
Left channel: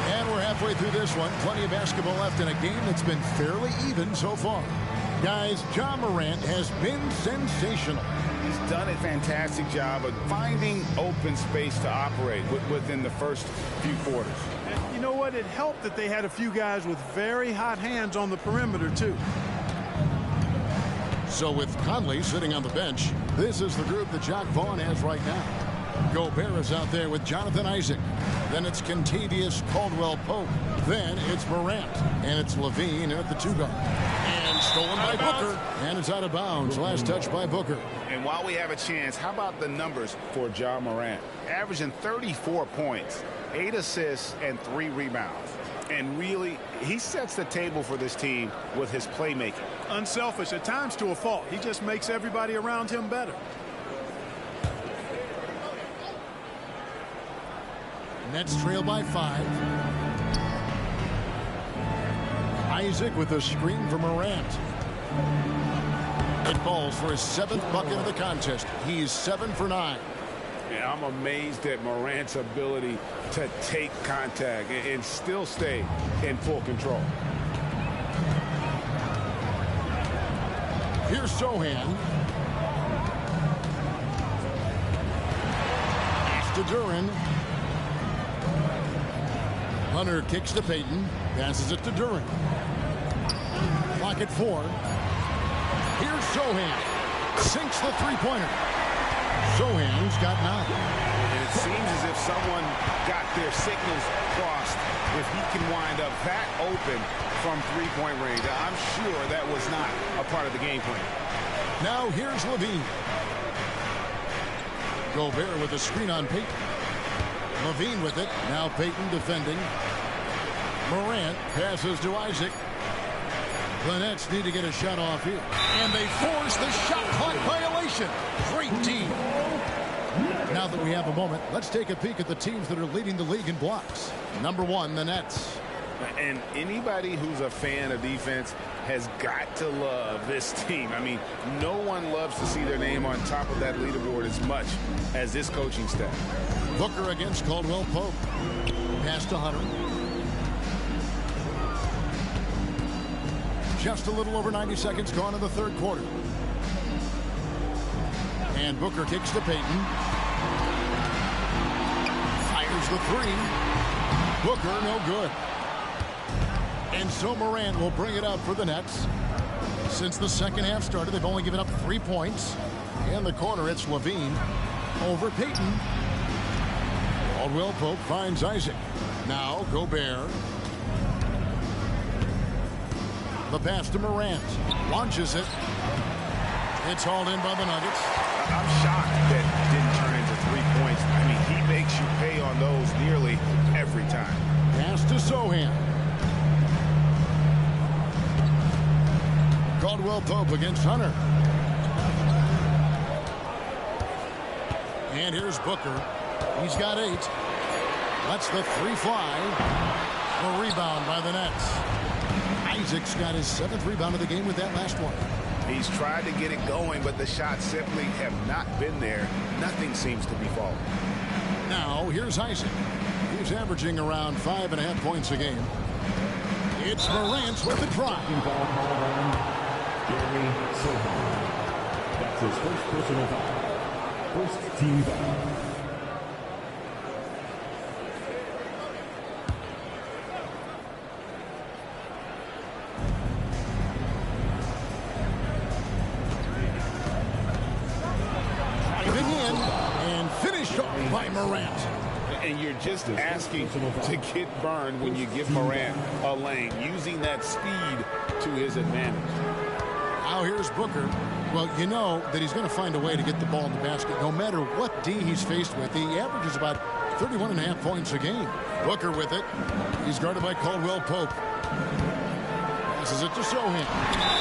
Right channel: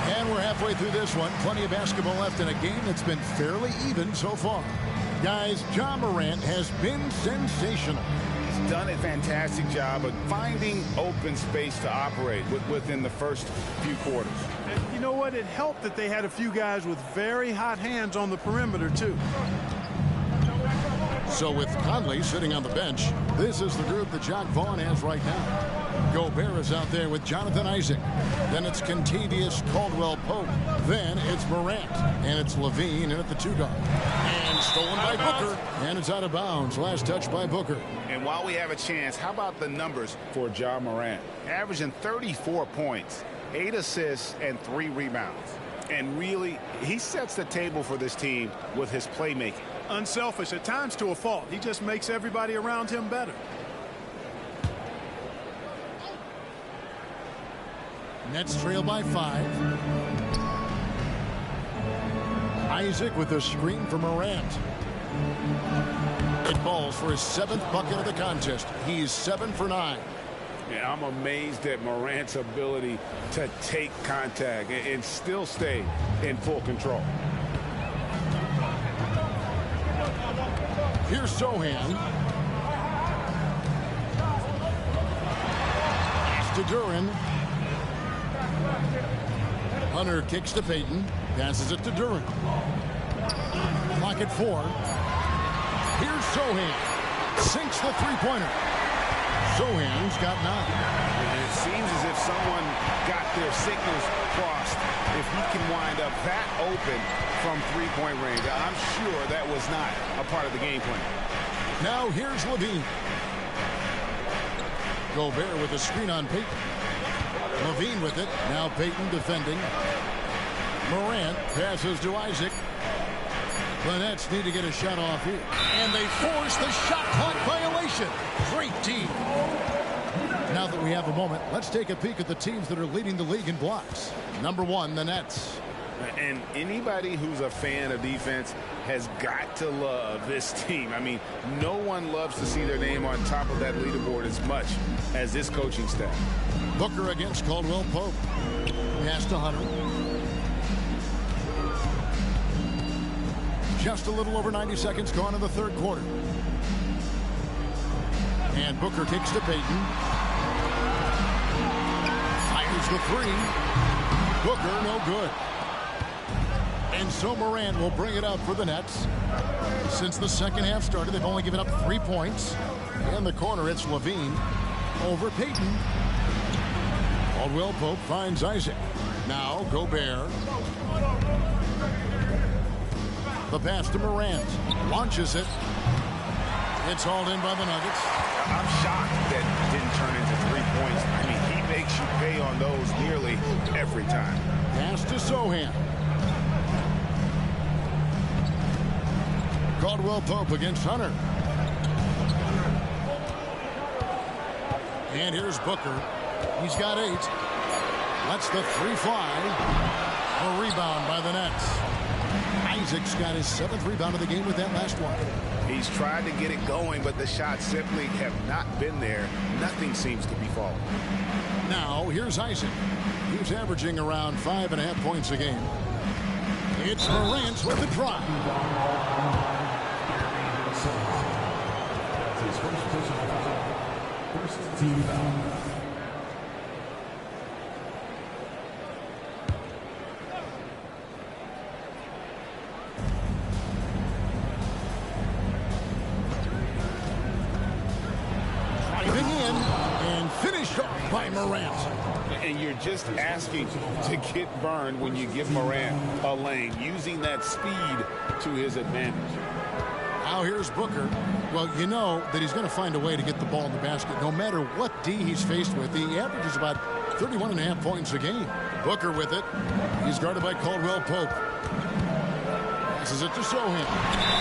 And we're halfway through this one. Plenty of basketball left in a game that's been fairly even so far. Guys, Ja Morant has been sensational. He's done a fantastic job of finding open space to operate within the first few quarters. And you know what? It helped that they had a few guys with very hot hands on the perimeter, too. So with Conley sitting on the bench, this is the group that Jacque Vaughn has right now. Gobert is out there with Jonathan Isaac. Then it's Kentavious Caldwell-Pope. Then it's Morant. And it's Levine in at the 2-guard. And stolen by Booker. And it's out of bounds. Last touch by Booker. And while we have a chance, how about the numbers for Ja Morant? Averaging 34 points, 8 assists, and 3 rebounds. And really, he sets the table for this team with his playmaking. Unselfish, at times to a fault. He just makes everybody around him better. Nets trail by 5. Isaac with a screen for Morant. It falls for his 7th bucket of the contest. He's 7 for 9. Yeah, I'm amazed at Morant's ability to take contact and still stay in full control. Here's Sohan. Pass to Duren. Hunter kicks to Payton. Passes it to Duren. Clock at 4. Here's Sohan. Sinks the three-pointer. Sohan's got 9. And it seems as if someone got their signals crossed. If he can wind up that open from three-point range, I'm sure that was not a part of the game plan. Now here's Levine. Gobert with a screen on Payton. Levine with it. Now Payton defending. Morant passes to Isaac. The Nets need to get a shot off here. And they force the shot clock violation. Great team. Now that we have a moment, let's take a peek at the teams that are leading the league in blocks. Number 1, the Nets. And anybody who's a fan of defense has got to love this team. I mean, no one loves to see their name on top of that leaderboard as much as this coaching staff. Booker against Caldwell-Pope. Pass to Hunter. Just a little over 90 seconds gone in the third quarter. And Booker kicks to Payton. Fires the 3. Booker, no good. And so Morant will bring it up for the Nets. Since the second half started, they've only given up 3 points. In the corner, it's Levine over Payton. Caldwell-Pope finds Isaac. Now Gobert. The pass to Morant. Launches it. It's hauled in by the Nuggets. I'm shocked that didn't turn into 3 points. I mean, he makes you pay on those nearly every time. Pass to Sohan. Caldwell-Pope against Hunter. And here's Booker. He's got 8. Lets the 3 fly. A rebound by the Nets. Isaac's got his 7th rebound of the game with that last one. He's tried to get it going, but the shots simply have not been there. Nothing seems to be falling. Now, here's Isaac. He's averaging around 5.5 points a game. It's Morant with the drive. That's his first personal foul. First team foul. And finished off by Morant. And you're just asking to get burned when you give Morant a lane, using that speed to his advantage. Now here's Booker. Well, you know that he's going to find a way to get the ball in the basket. No matter what D he's faced with, he averages about 31.5 points a game. Booker with it. He's guarded by Caldwell Pope. Passes it to Sohan.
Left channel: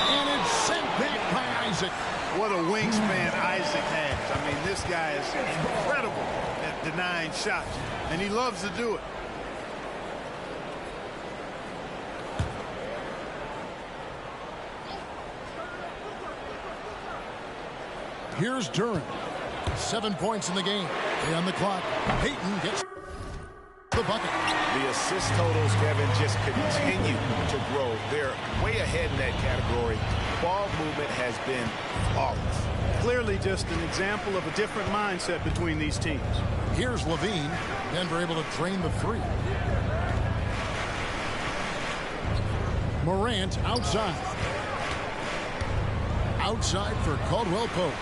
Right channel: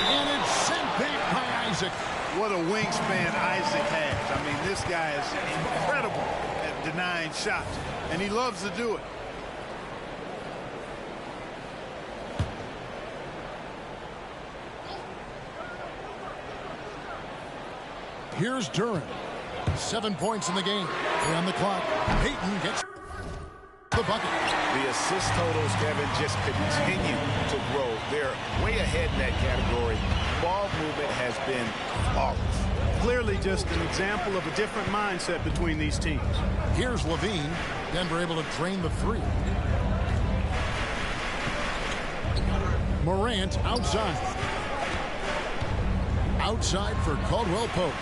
And it's sent back by Isaac. What a wingspan Isaac has. I mean, this guy is incredible at denying shots, and he loves to do it. Here's Duran. 7 points in the game. 3 on the clock. Payton gets the bucket. The assist totals, Kevin, just continue to grow. They're way ahead in that category. Ball movement has been flawless. Clearly just an example of a different mindset between these teams. Here's Levine. Denver able to drain the three. Morant outside. Outside for Caldwell Pope.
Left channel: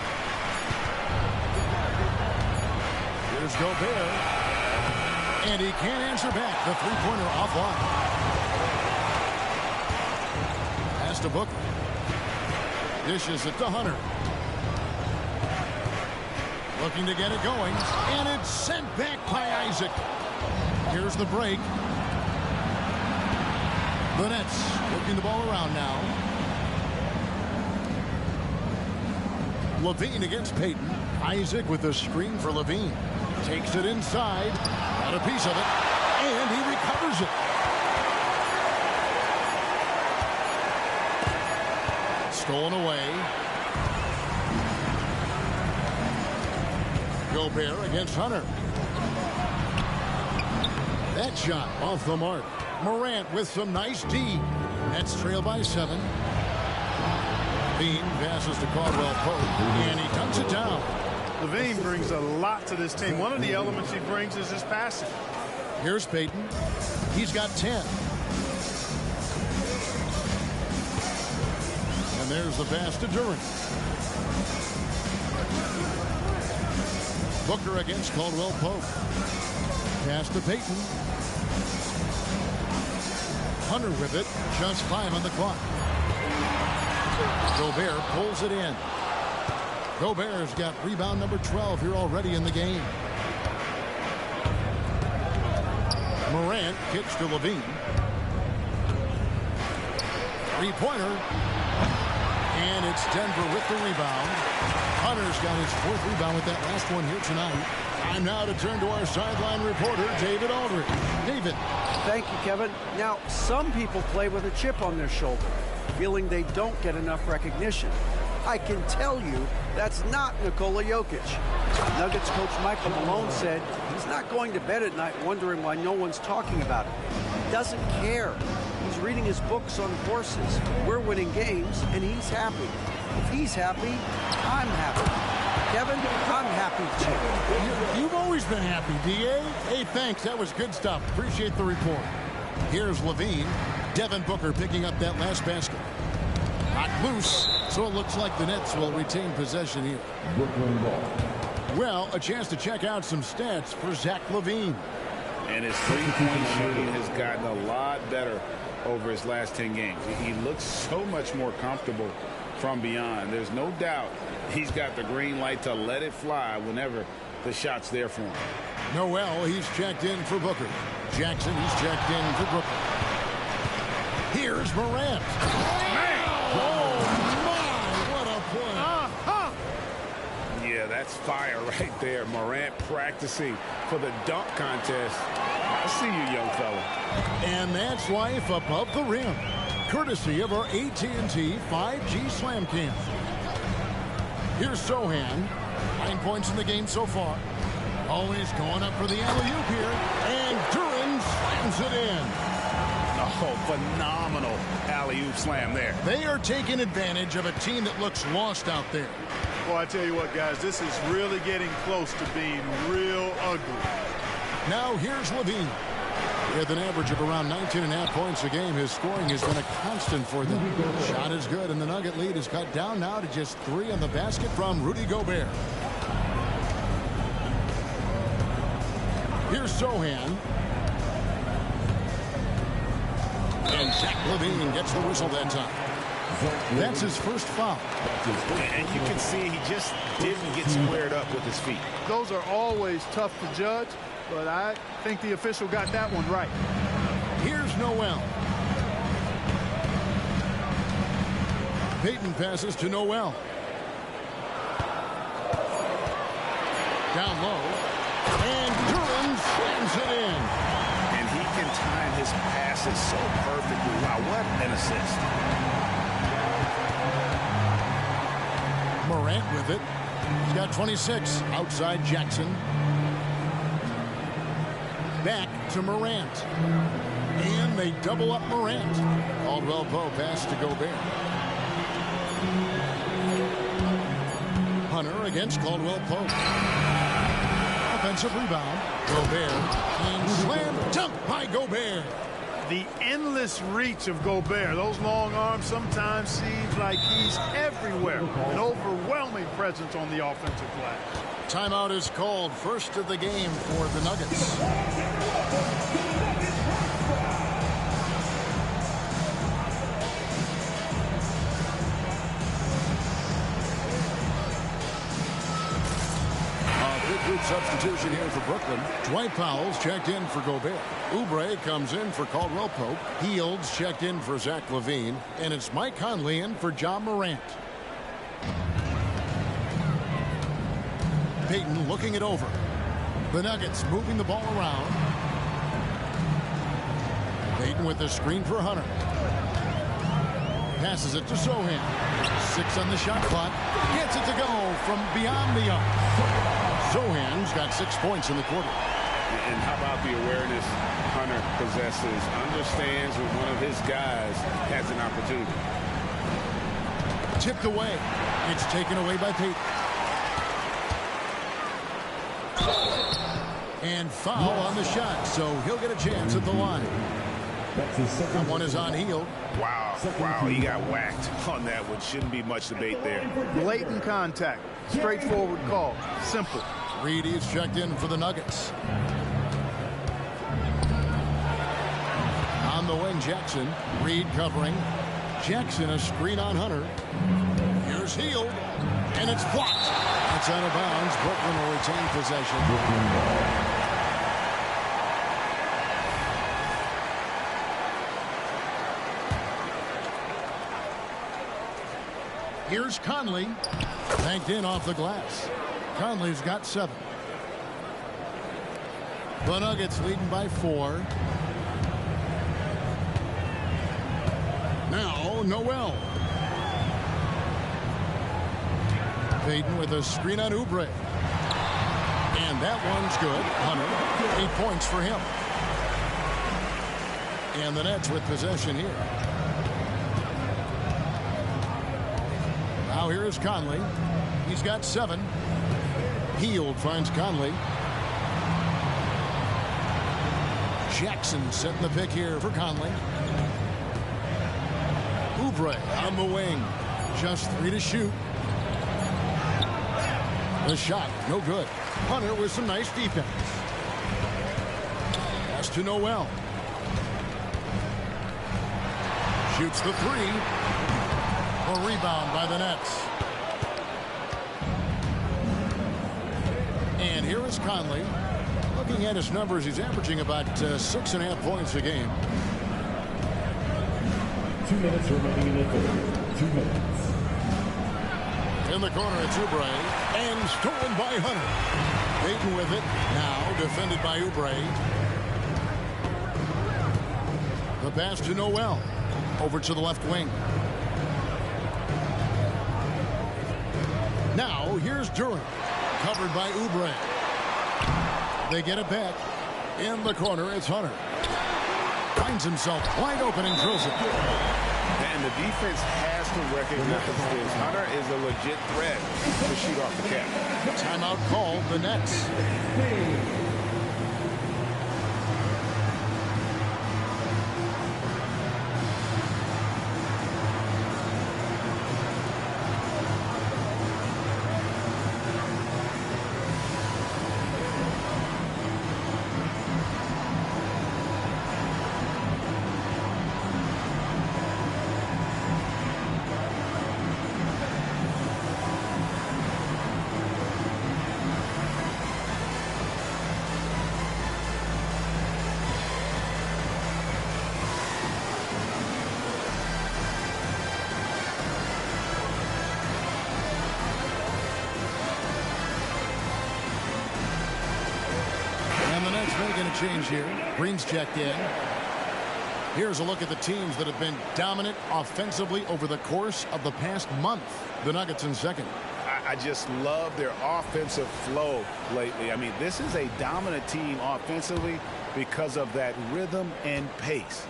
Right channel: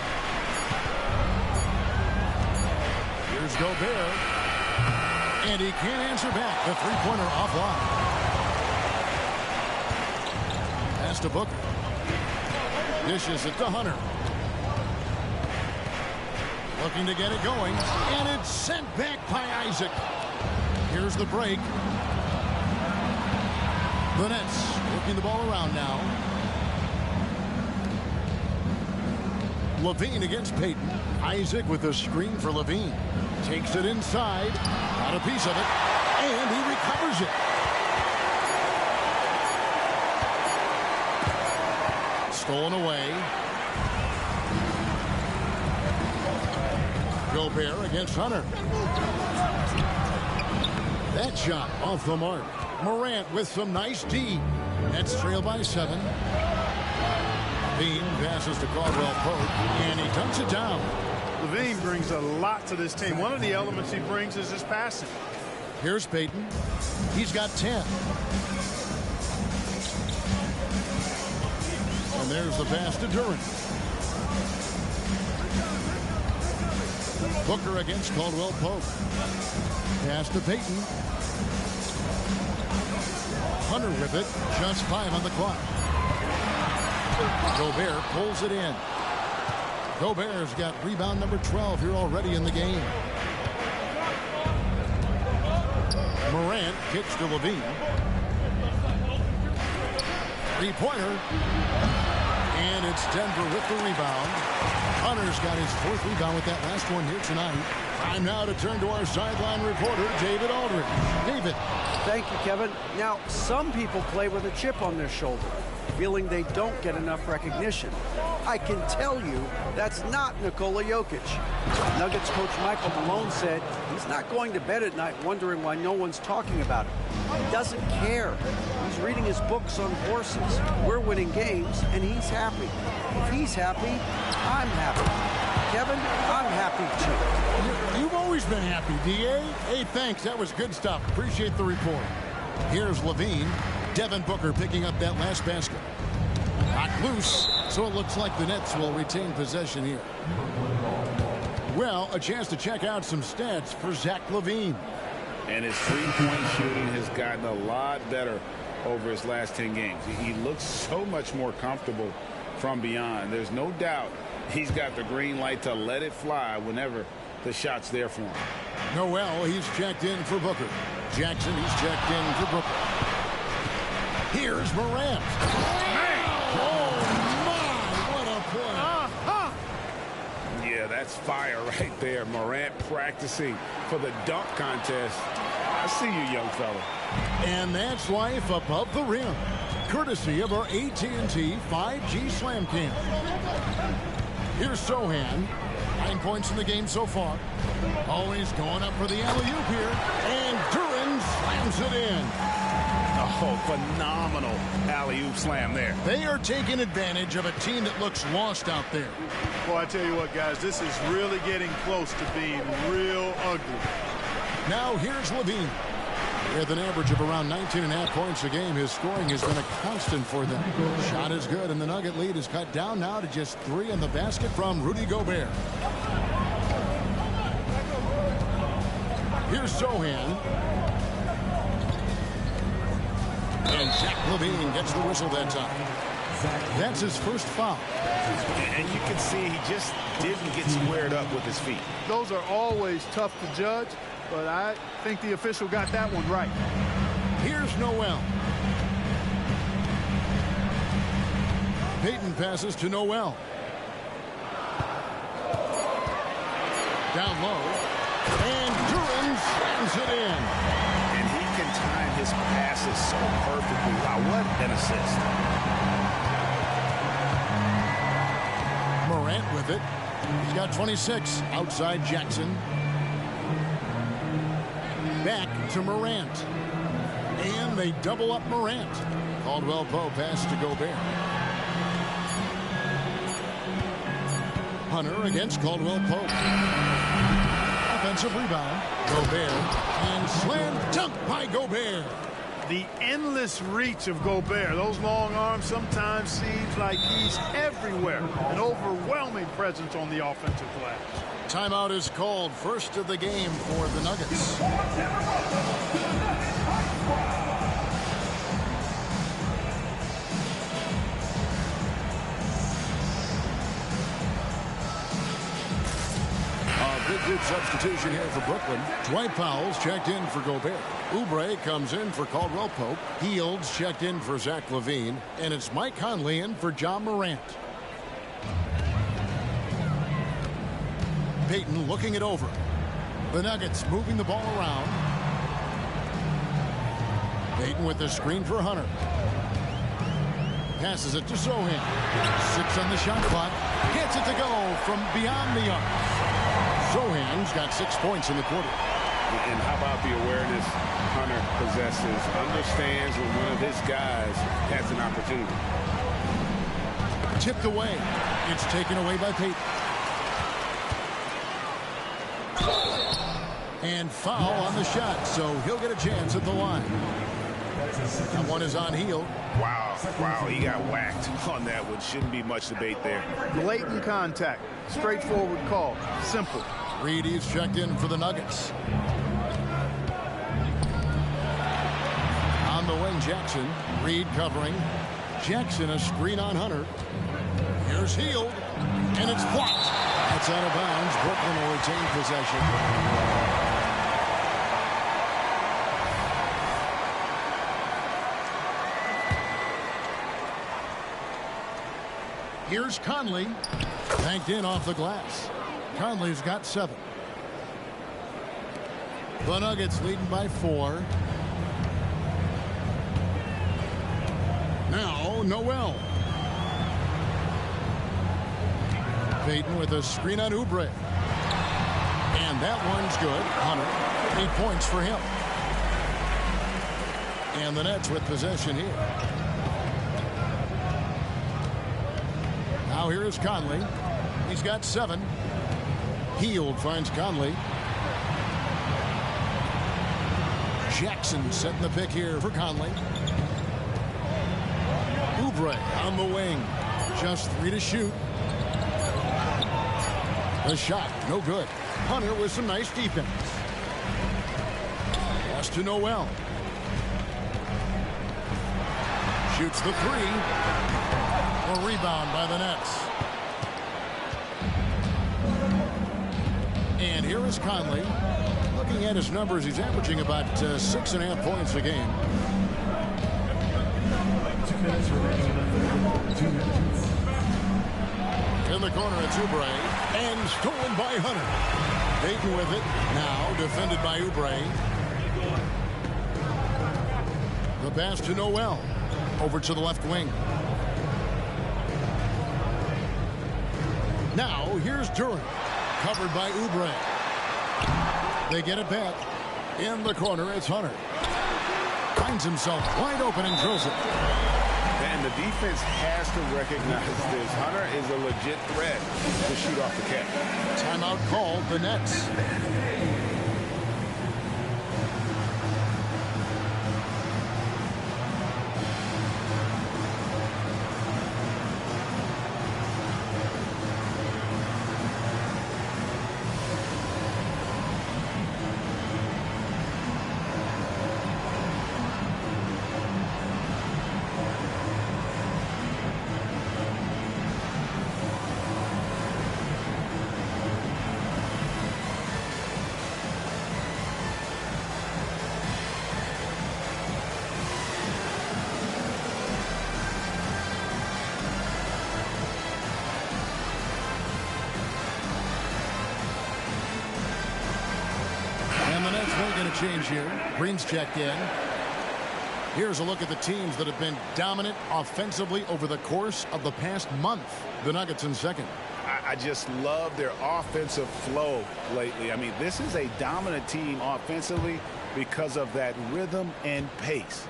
Here's Gobert. And he can't answer back. The three-pointer offline. Pass to Booker. Dishes it to Hunter. Looking to get it going. And it's sent back by Isaac. Here's the break. The Nets working the ball around now. Levine against Payton. Isaac with a screen for Levine. Takes it inside. Got a piece of it. And he recovers it. Stolen away. Gobert against Hunter. That shot off the mark. Morant with some nice D. Nets trail by 7. Levine passes to Caldwell Pope, and he dunks it down. Levine brings a lot to this team. One of the elements he brings is his passing. Here's Payton. He's got 10. And there's the pass to Duran. Booker against Caldwell Pope. Pass to Payton. Hunter with it. Just 5 on the clock. Gobert pulls it in. Gobert's got rebound number 12 here already in the game. Morant kicks to Levine. Three-pointer. And it's Denver with the rebound. Hunter's got his 4th rebound with that last one here tonight. Time now to turn to our sideline reporter, David Aldridge. David. Thank you, Kevin. Now, some people play with a chip on their shoulder, feeling they don't get enough recognition. I can tell you that's not Nikola Jokic. Nuggets coach Michael Malone said he's not going to bed at night wondering why no one's talking about him. He doesn't care. He's reading his books on horses. We're winning games, and he's happy. If he's happy, I'm happy. Kevin, I'm happy too. You've always been happy, D.A. Hey, thanks. That was good stuff. Appreciate the report. Here's Levine. Devin Booker picking up that last basket. Not loose, so it looks like the Nets will retain possession here. Well, a chance to check out some stats for Zach LaVine. And his three-point shooting has gotten a lot better over his last 10 games. He looks so much more comfortable from beyond. There's no doubt he's got the green light to let it fly whenever the shot's there for him. Noel, he's checked in for Booker. Jackson, he's checked in for Brooklyn. Here's Morant. Oh, my, what a play. Yeah, that's fire right there. Morant practicing for the dunk contest. I see you, young fella. And that's life above the rim, courtesy of our AT&T 5G Slam Cam. Here's Sohan. 9 points in the game so far. Always going up for the alley-oop here. And Duran slams it in. Oh, phenomenal alley-oop slam there. They are taking advantage of a team that looks lost out there. Well, I tell you what, guys, this is really getting close to being real ugly. Now here's Levine. With an average of around 19.5 points a game, his scoring has been a constant for them. Shot is good, and the Nugget lead is cut down now to just 3 on the basket from Rudy Gobert. Here's Sohan. And Zach LaVine gets the whistle that time. That's his first foul. And you can see he just didn't get squared up with his feet. Those are always tough to judge, but I think the official got that one right. Here's Noel. Payton passes to Noel. Down low. And Duran slams it in. And he can time his passes so perfectly. Wow, what an assist. Morant with it. He's got 26. Outside Jackson. Back to Morant. And they double up Morant. Caldwell Pope passes to Gobert. Hunter against Caldwell Pope. Offensive rebound. Gobert. And slam dunk by Gobert. The endless reach of Gobert. Those long arms sometimes seems like he's everywhere. An overwhelming presence on the offensive glass. Timeout is called. First of the game for the Nuggets. Big group substitution here for Brooklyn. Dwight Powell's checked in for Gobert. Oubre comes in for Caldwell Pope. Fields checked in for Zach LaVine. And it's Mike Conley in for John Morant. Payton looking it over. The Nuggets moving the ball around. Payton with the screen for Hunter. Passes it to Sohan. 6 on the shot clock. Gets it to go from beyond the arc. Sohan's got 6 points in the quarter. And how about the awareness Hunter possesses? Understands when one of his guys has an opportunity. Tipped away. It's taken away by Payton. And foul on the shot, so he'll get a chance at the line. That one is on Hield. Wow, he got whacked on that one. Shouldn't be much debate there. Blatant contact. Straightforward call. Simple. Reedy's checked in for the Nuggets. On the wing, Jackson. Reed covering. Jackson a screen on Hunter. Here's Hield. And it's blocked. That's out of bounds. Brooklyn will retain possession. Here's Conley. Banked in off the glass. Conley's got 7. The Nuggets leading by 4. Now Noel. Payton with a screen on Oubre. And that one's good. Hunter, 8 points for him. And the Nets with possession here. Now here is Conley. He's got 7. Hield finds Conley. Jackson setting the pick here for Conley. Oubre on the wing. Just 3 to shoot. The shot, no good. Hunter with some nice defense. Pass to Noel. Shoots the 3. A rebound by the Nets. And here is Conley. Looking at his numbers, he's averaging about 6.5 points a game. 2 minutes remaining in the third. 2 minutes. In the corner, it's Oubre. And stolen by Hunter. Payton with it. Now defended by Oubre. The pass to Noel. Over to the left wing. Now, here's Duran. Covered by Oubre. They get it back. In the corner, it's Hunter. Finds himself wide open and drills it. And the defense has to recognize this. Hunter is a legit threat to shoot off the cap. Timeout called, the Nets. Nuggets making a change here. Green's checked in. Here's a look at the teams that have been dominant offensively over the course of the past month. The Nuggets in second. I just love their offensive flow lately. I mean, this is a dominant team offensively because of that rhythm and pace.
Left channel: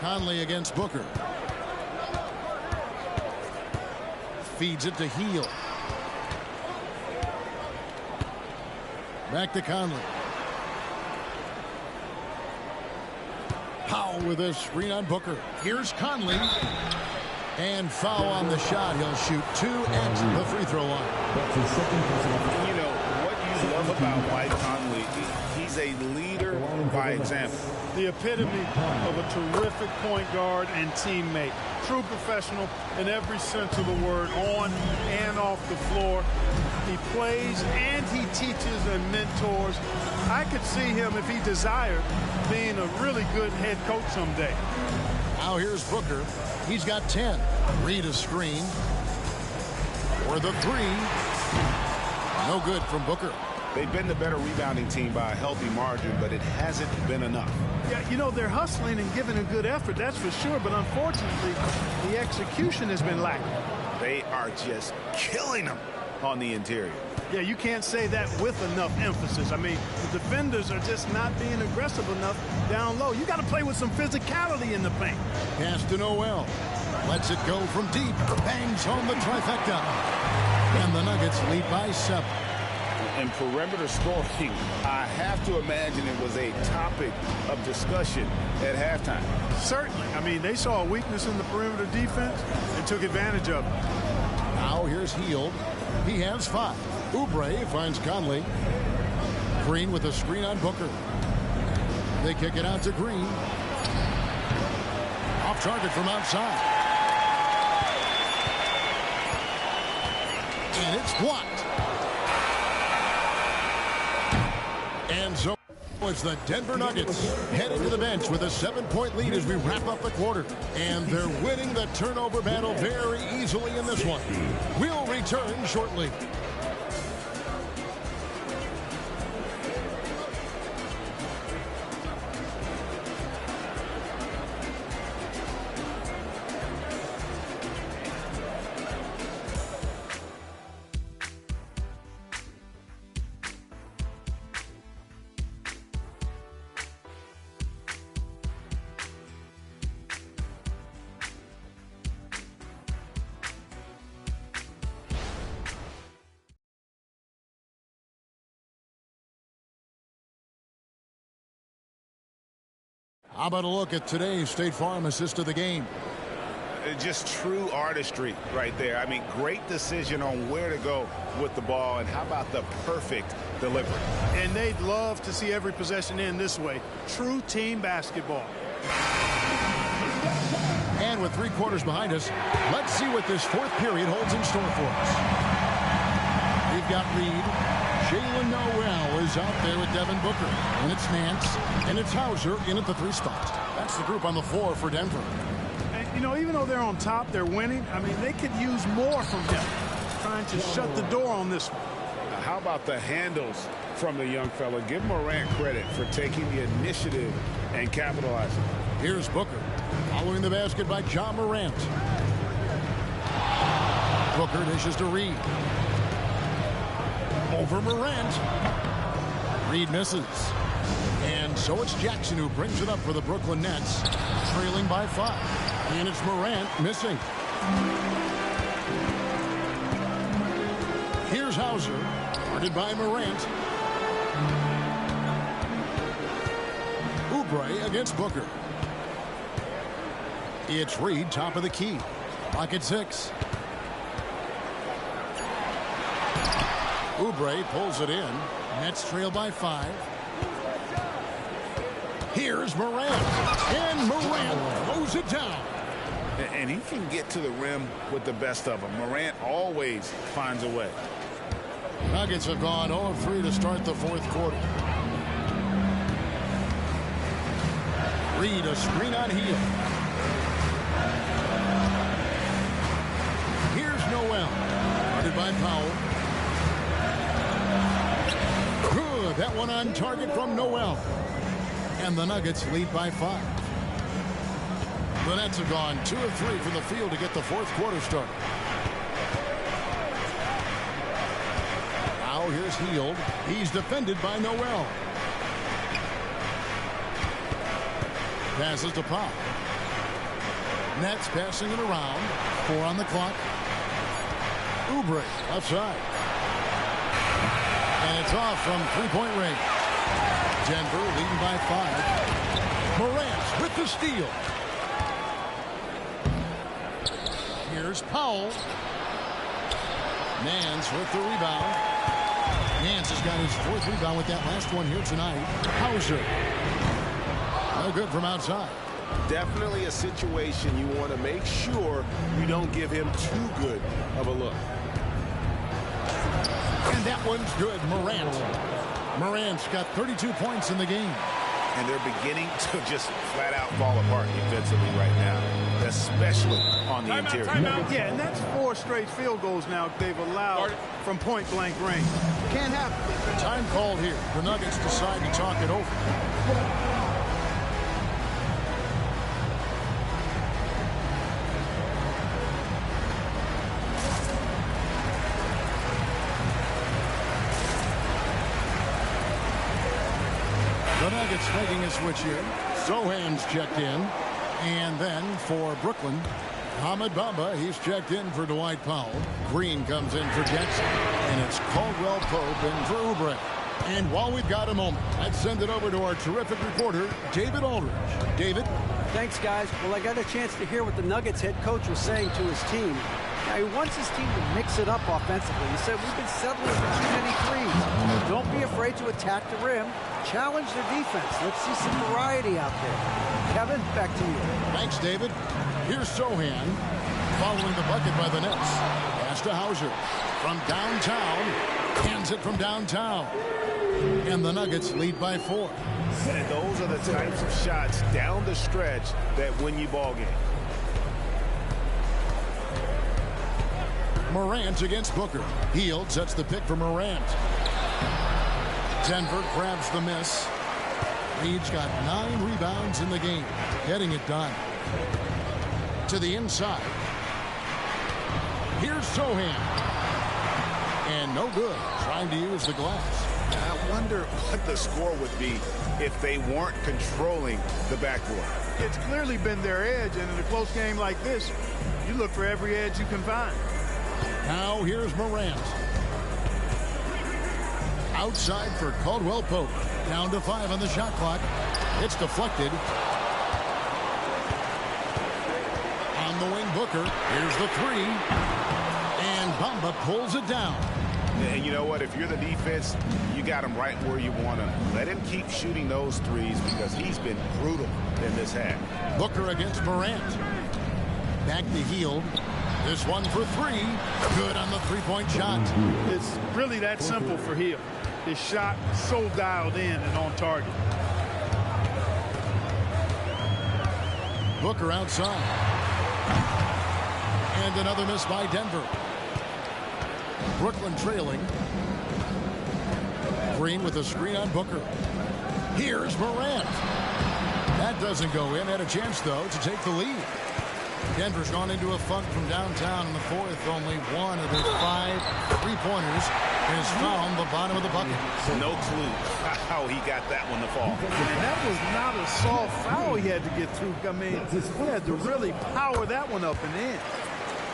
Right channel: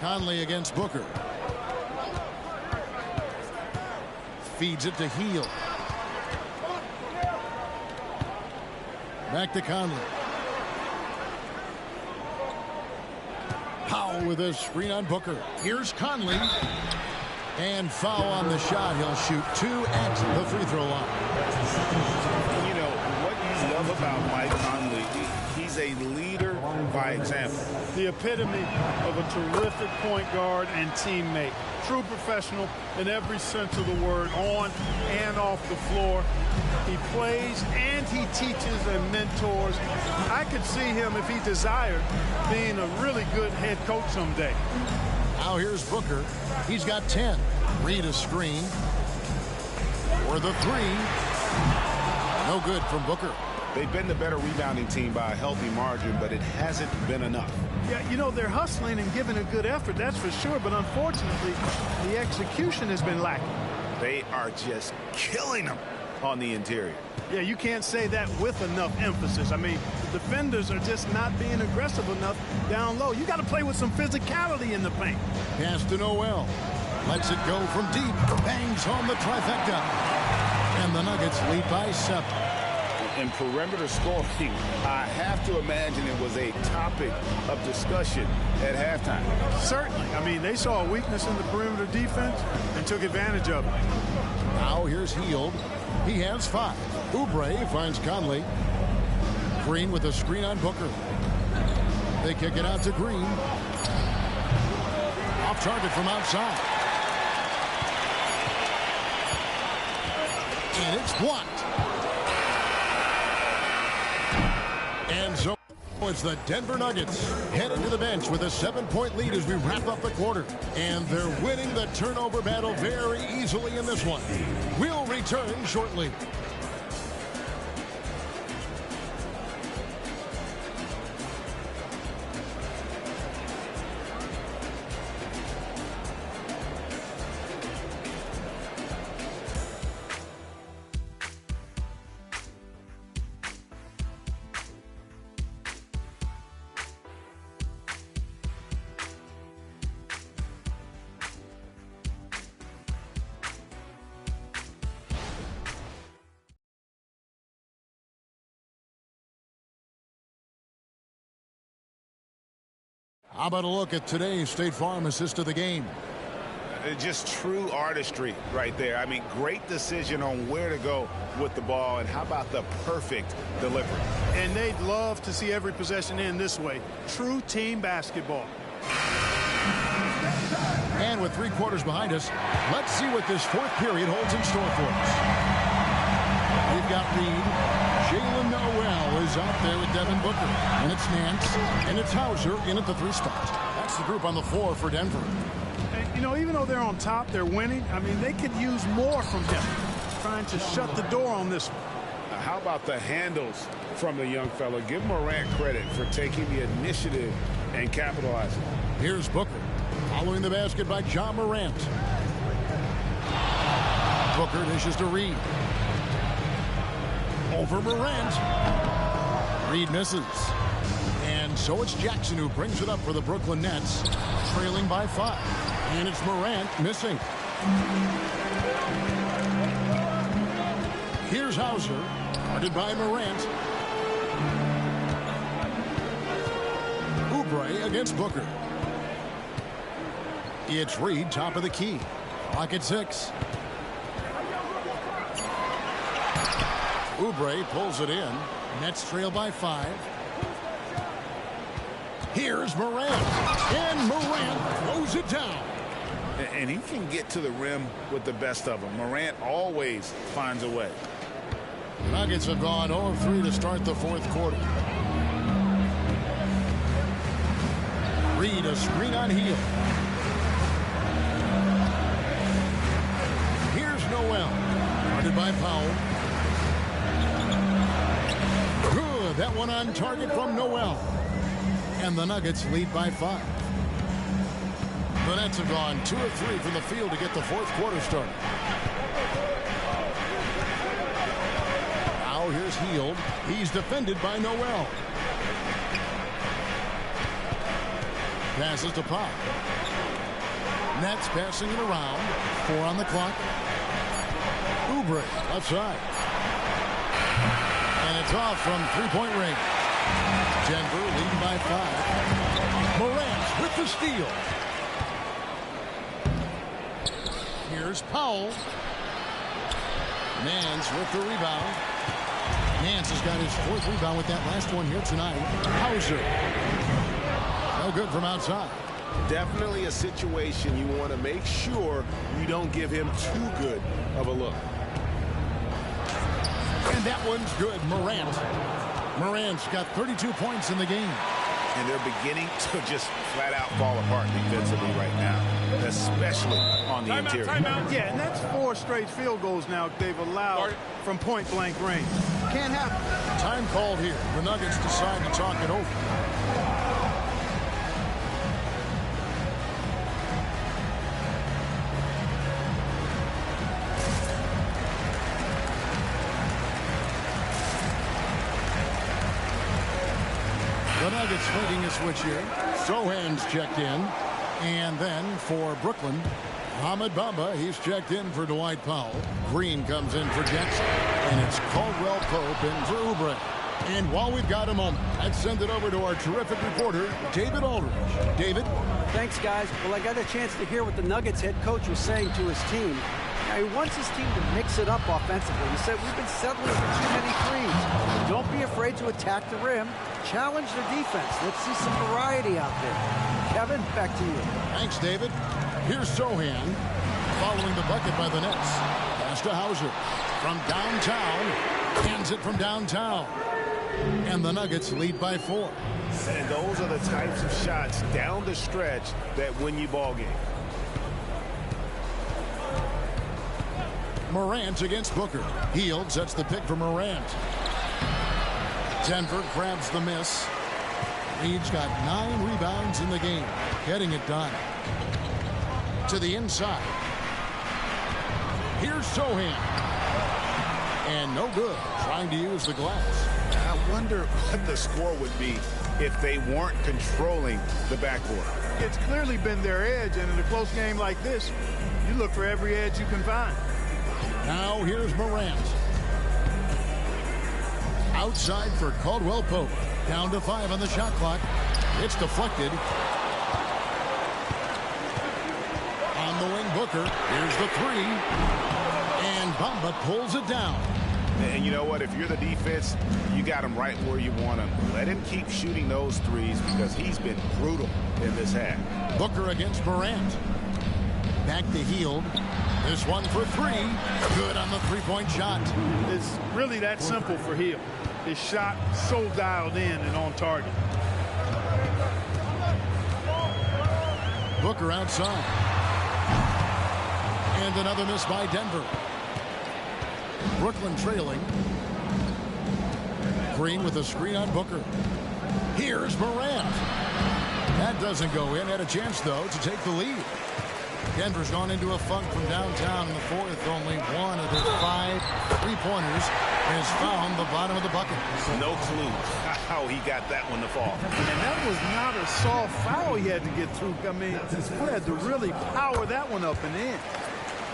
Conley against Booker. Feeds it to Heel. Back to Conley. Powell with a screen on Booker. Here's Conley. And foul on the shot. He'll shoot 2 at the free throw line. You know, what you love about Mike Conley, he's a leader by example. The epitome of a terrific point guard and teammate. True professional in every sense of the word, on and off the floor. He plays and he teaches and mentors. I could see him, if he desired, being a really good head coach someday. Now here's Booker. He's got 10. Reed a screen. For the 3. No good from Booker. They've been the better rebounding team by a healthy margin, but it hasn't been enough. Yeah, you know, they're hustling and giving a good effort, that's for sure. But unfortunately, the execution has been lacking. They are just killing them on the interior. Yeah, you can't say that with enough emphasis. I mean, the defenders are just not being aggressive enough down low. You got to play with some physicality in the paint. Pass to Noel. Lets it go from deep. Bangs home the trifecta. And the Nuggets lead by 7. In perimeter scoring, I have to imagine it was a topic of discussion at halftime. Certainly. I mean, they saw a weakness in the perimeter defense and took advantage of it. Now here's Hield. He has 5. Oubre finds Conley. Green with a screen on Booker. They kick it out to Green. Off target from outside. And it's blocked. And so it's the Denver Nuggets heading to the bench with a 7-point lead as we wrap up the quarter. And they're winning the turnover battle very easily in this one. We'll return shortly. How about a look at today's State Farm assist of the game? Just true artistry right there. I mean, great decision on where to go with the ball, and how about the perfect delivery? And they'd love to see every possession end this way. True team basketball. And with 3 quarters behind us, let's see what this 4th period holds in store for us. We've got Reed. Jalen Noel is out there with Devin Booker. And it's Nance. And it's Hauser in at the 3 spot. That's the group on the floor for Denver. And, you know, even though they're on top, they're winning. I mean, they could use more from him. Trying to shut the door on this one. How about the handles from the young fella? Give Morant credit for taking the initiative and capitalizing. Here's Booker. Following the basket by John Morant. Booker dishes to Reed. Over Morant. Reed misses. And so it's Jackson who brings it up for the Brooklyn Nets, trailing by 5. And it's Morant missing. Here's Hauser, guarded by Morant. Oubre against Booker. It's Reed, top of the key. Clock at 6. Oubre pulls it in. Nets trail by 5. Here's Morant. And Morant throws it down. And he can get to the rim with the best of them. Morant always finds a way. Nuggets have gone 0 of 3 to start the 4th quarter. Reed, a screen on Heel. Here's Noel, guarded by Powell. Good. That one on target from Noel. And the Nuggets lead by 5. The Nets have gone 2 of 3 from the field to get the fourth quarter started. Now here's Hield. He's defended by Noel. Passes to Pop. Nets passing it around. 4 on the clock. Oubre left side. And it's off from three-point range. Denver leading by 5. Morant with the steal. Here's Powell. Nance with the rebound. Nance has got his 4th rebound with that last one here tonight. Hauser. No good from outside. Definitely a situation you want to make sure you don't give him too good of a look. And that one's good. Morant's got 32 points in the game. And they're beginning to just flat out fall apart defensively right now, especially on the interior. Yeah, and that's 4 straight field goals now they've allowed from point-blank range. Can't happen. Time called here. The Nuggets decide to talk it over. The Nuggets making a switch here. Sohan's checked in. And then for Brooklyn, Ahmed Bamba, he's checked in for Dwight Powell. Green comes in for Jackson. And it's Caldwell Pope in for Oubre. And while we've got a moment, let's send it over to our terrific reporter, David Aldridge. David? Thanks, guys. Well, I got a chance to hear what the Nuggets head coach was saying to his team. Now, he wants his team to mix it up offensively. He said, we've been settling for too many threes. Don't be afraid to attack the rim. Challenge their defense. Let's see some variety out there. Kevin, back to you. Thanks, David. Here's Sohan following the bucket by the Nets. Pass to Hauser from downtown. Hands it from downtown. And the Nuggets lead by 4. And those are the types of shots down the stretch that win you ball games. Morant against Booker. Hield sets the pick for Morant. Denver grabs the miss. Reed's got 9 rebounds in the game. Getting it done. To the inside. Here's Sohan. And no good. Trying to use the glass. I wonder what the score would be if they weren't controlling the backboard. It's clearly been their edge, and in a close game like this, you look for every edge you can find. Now here's Morant. Outside for Caldwell Pope. Down to 5 on the shot clock. It's deflected. On the wing, Booker. Here's the 3. And Bamba pulls it down. And you know what? If you're the defense, you got him right where you want him. Let him keep shooting those threes because he's been brutal in this half. Booker against Morant. Back to Hield. This one for 3. Good on the three-point shot. It's really that simple for Hield. His shot so dialed in and on target. Booker outside. And another miss by Denver. Brooklyn trailing. Green with a screen on Booker. Here's Morant. That doesn't go in. Had a chance, though, to take the lead. Denver's gone into a funk from downtown in the fourth. Only one of their 5 three-pointers has found the bottom of the bucket. No clue how he got that one to fall. And that was not a soft foul he had to get through. I mean, he had to really power that one up and in.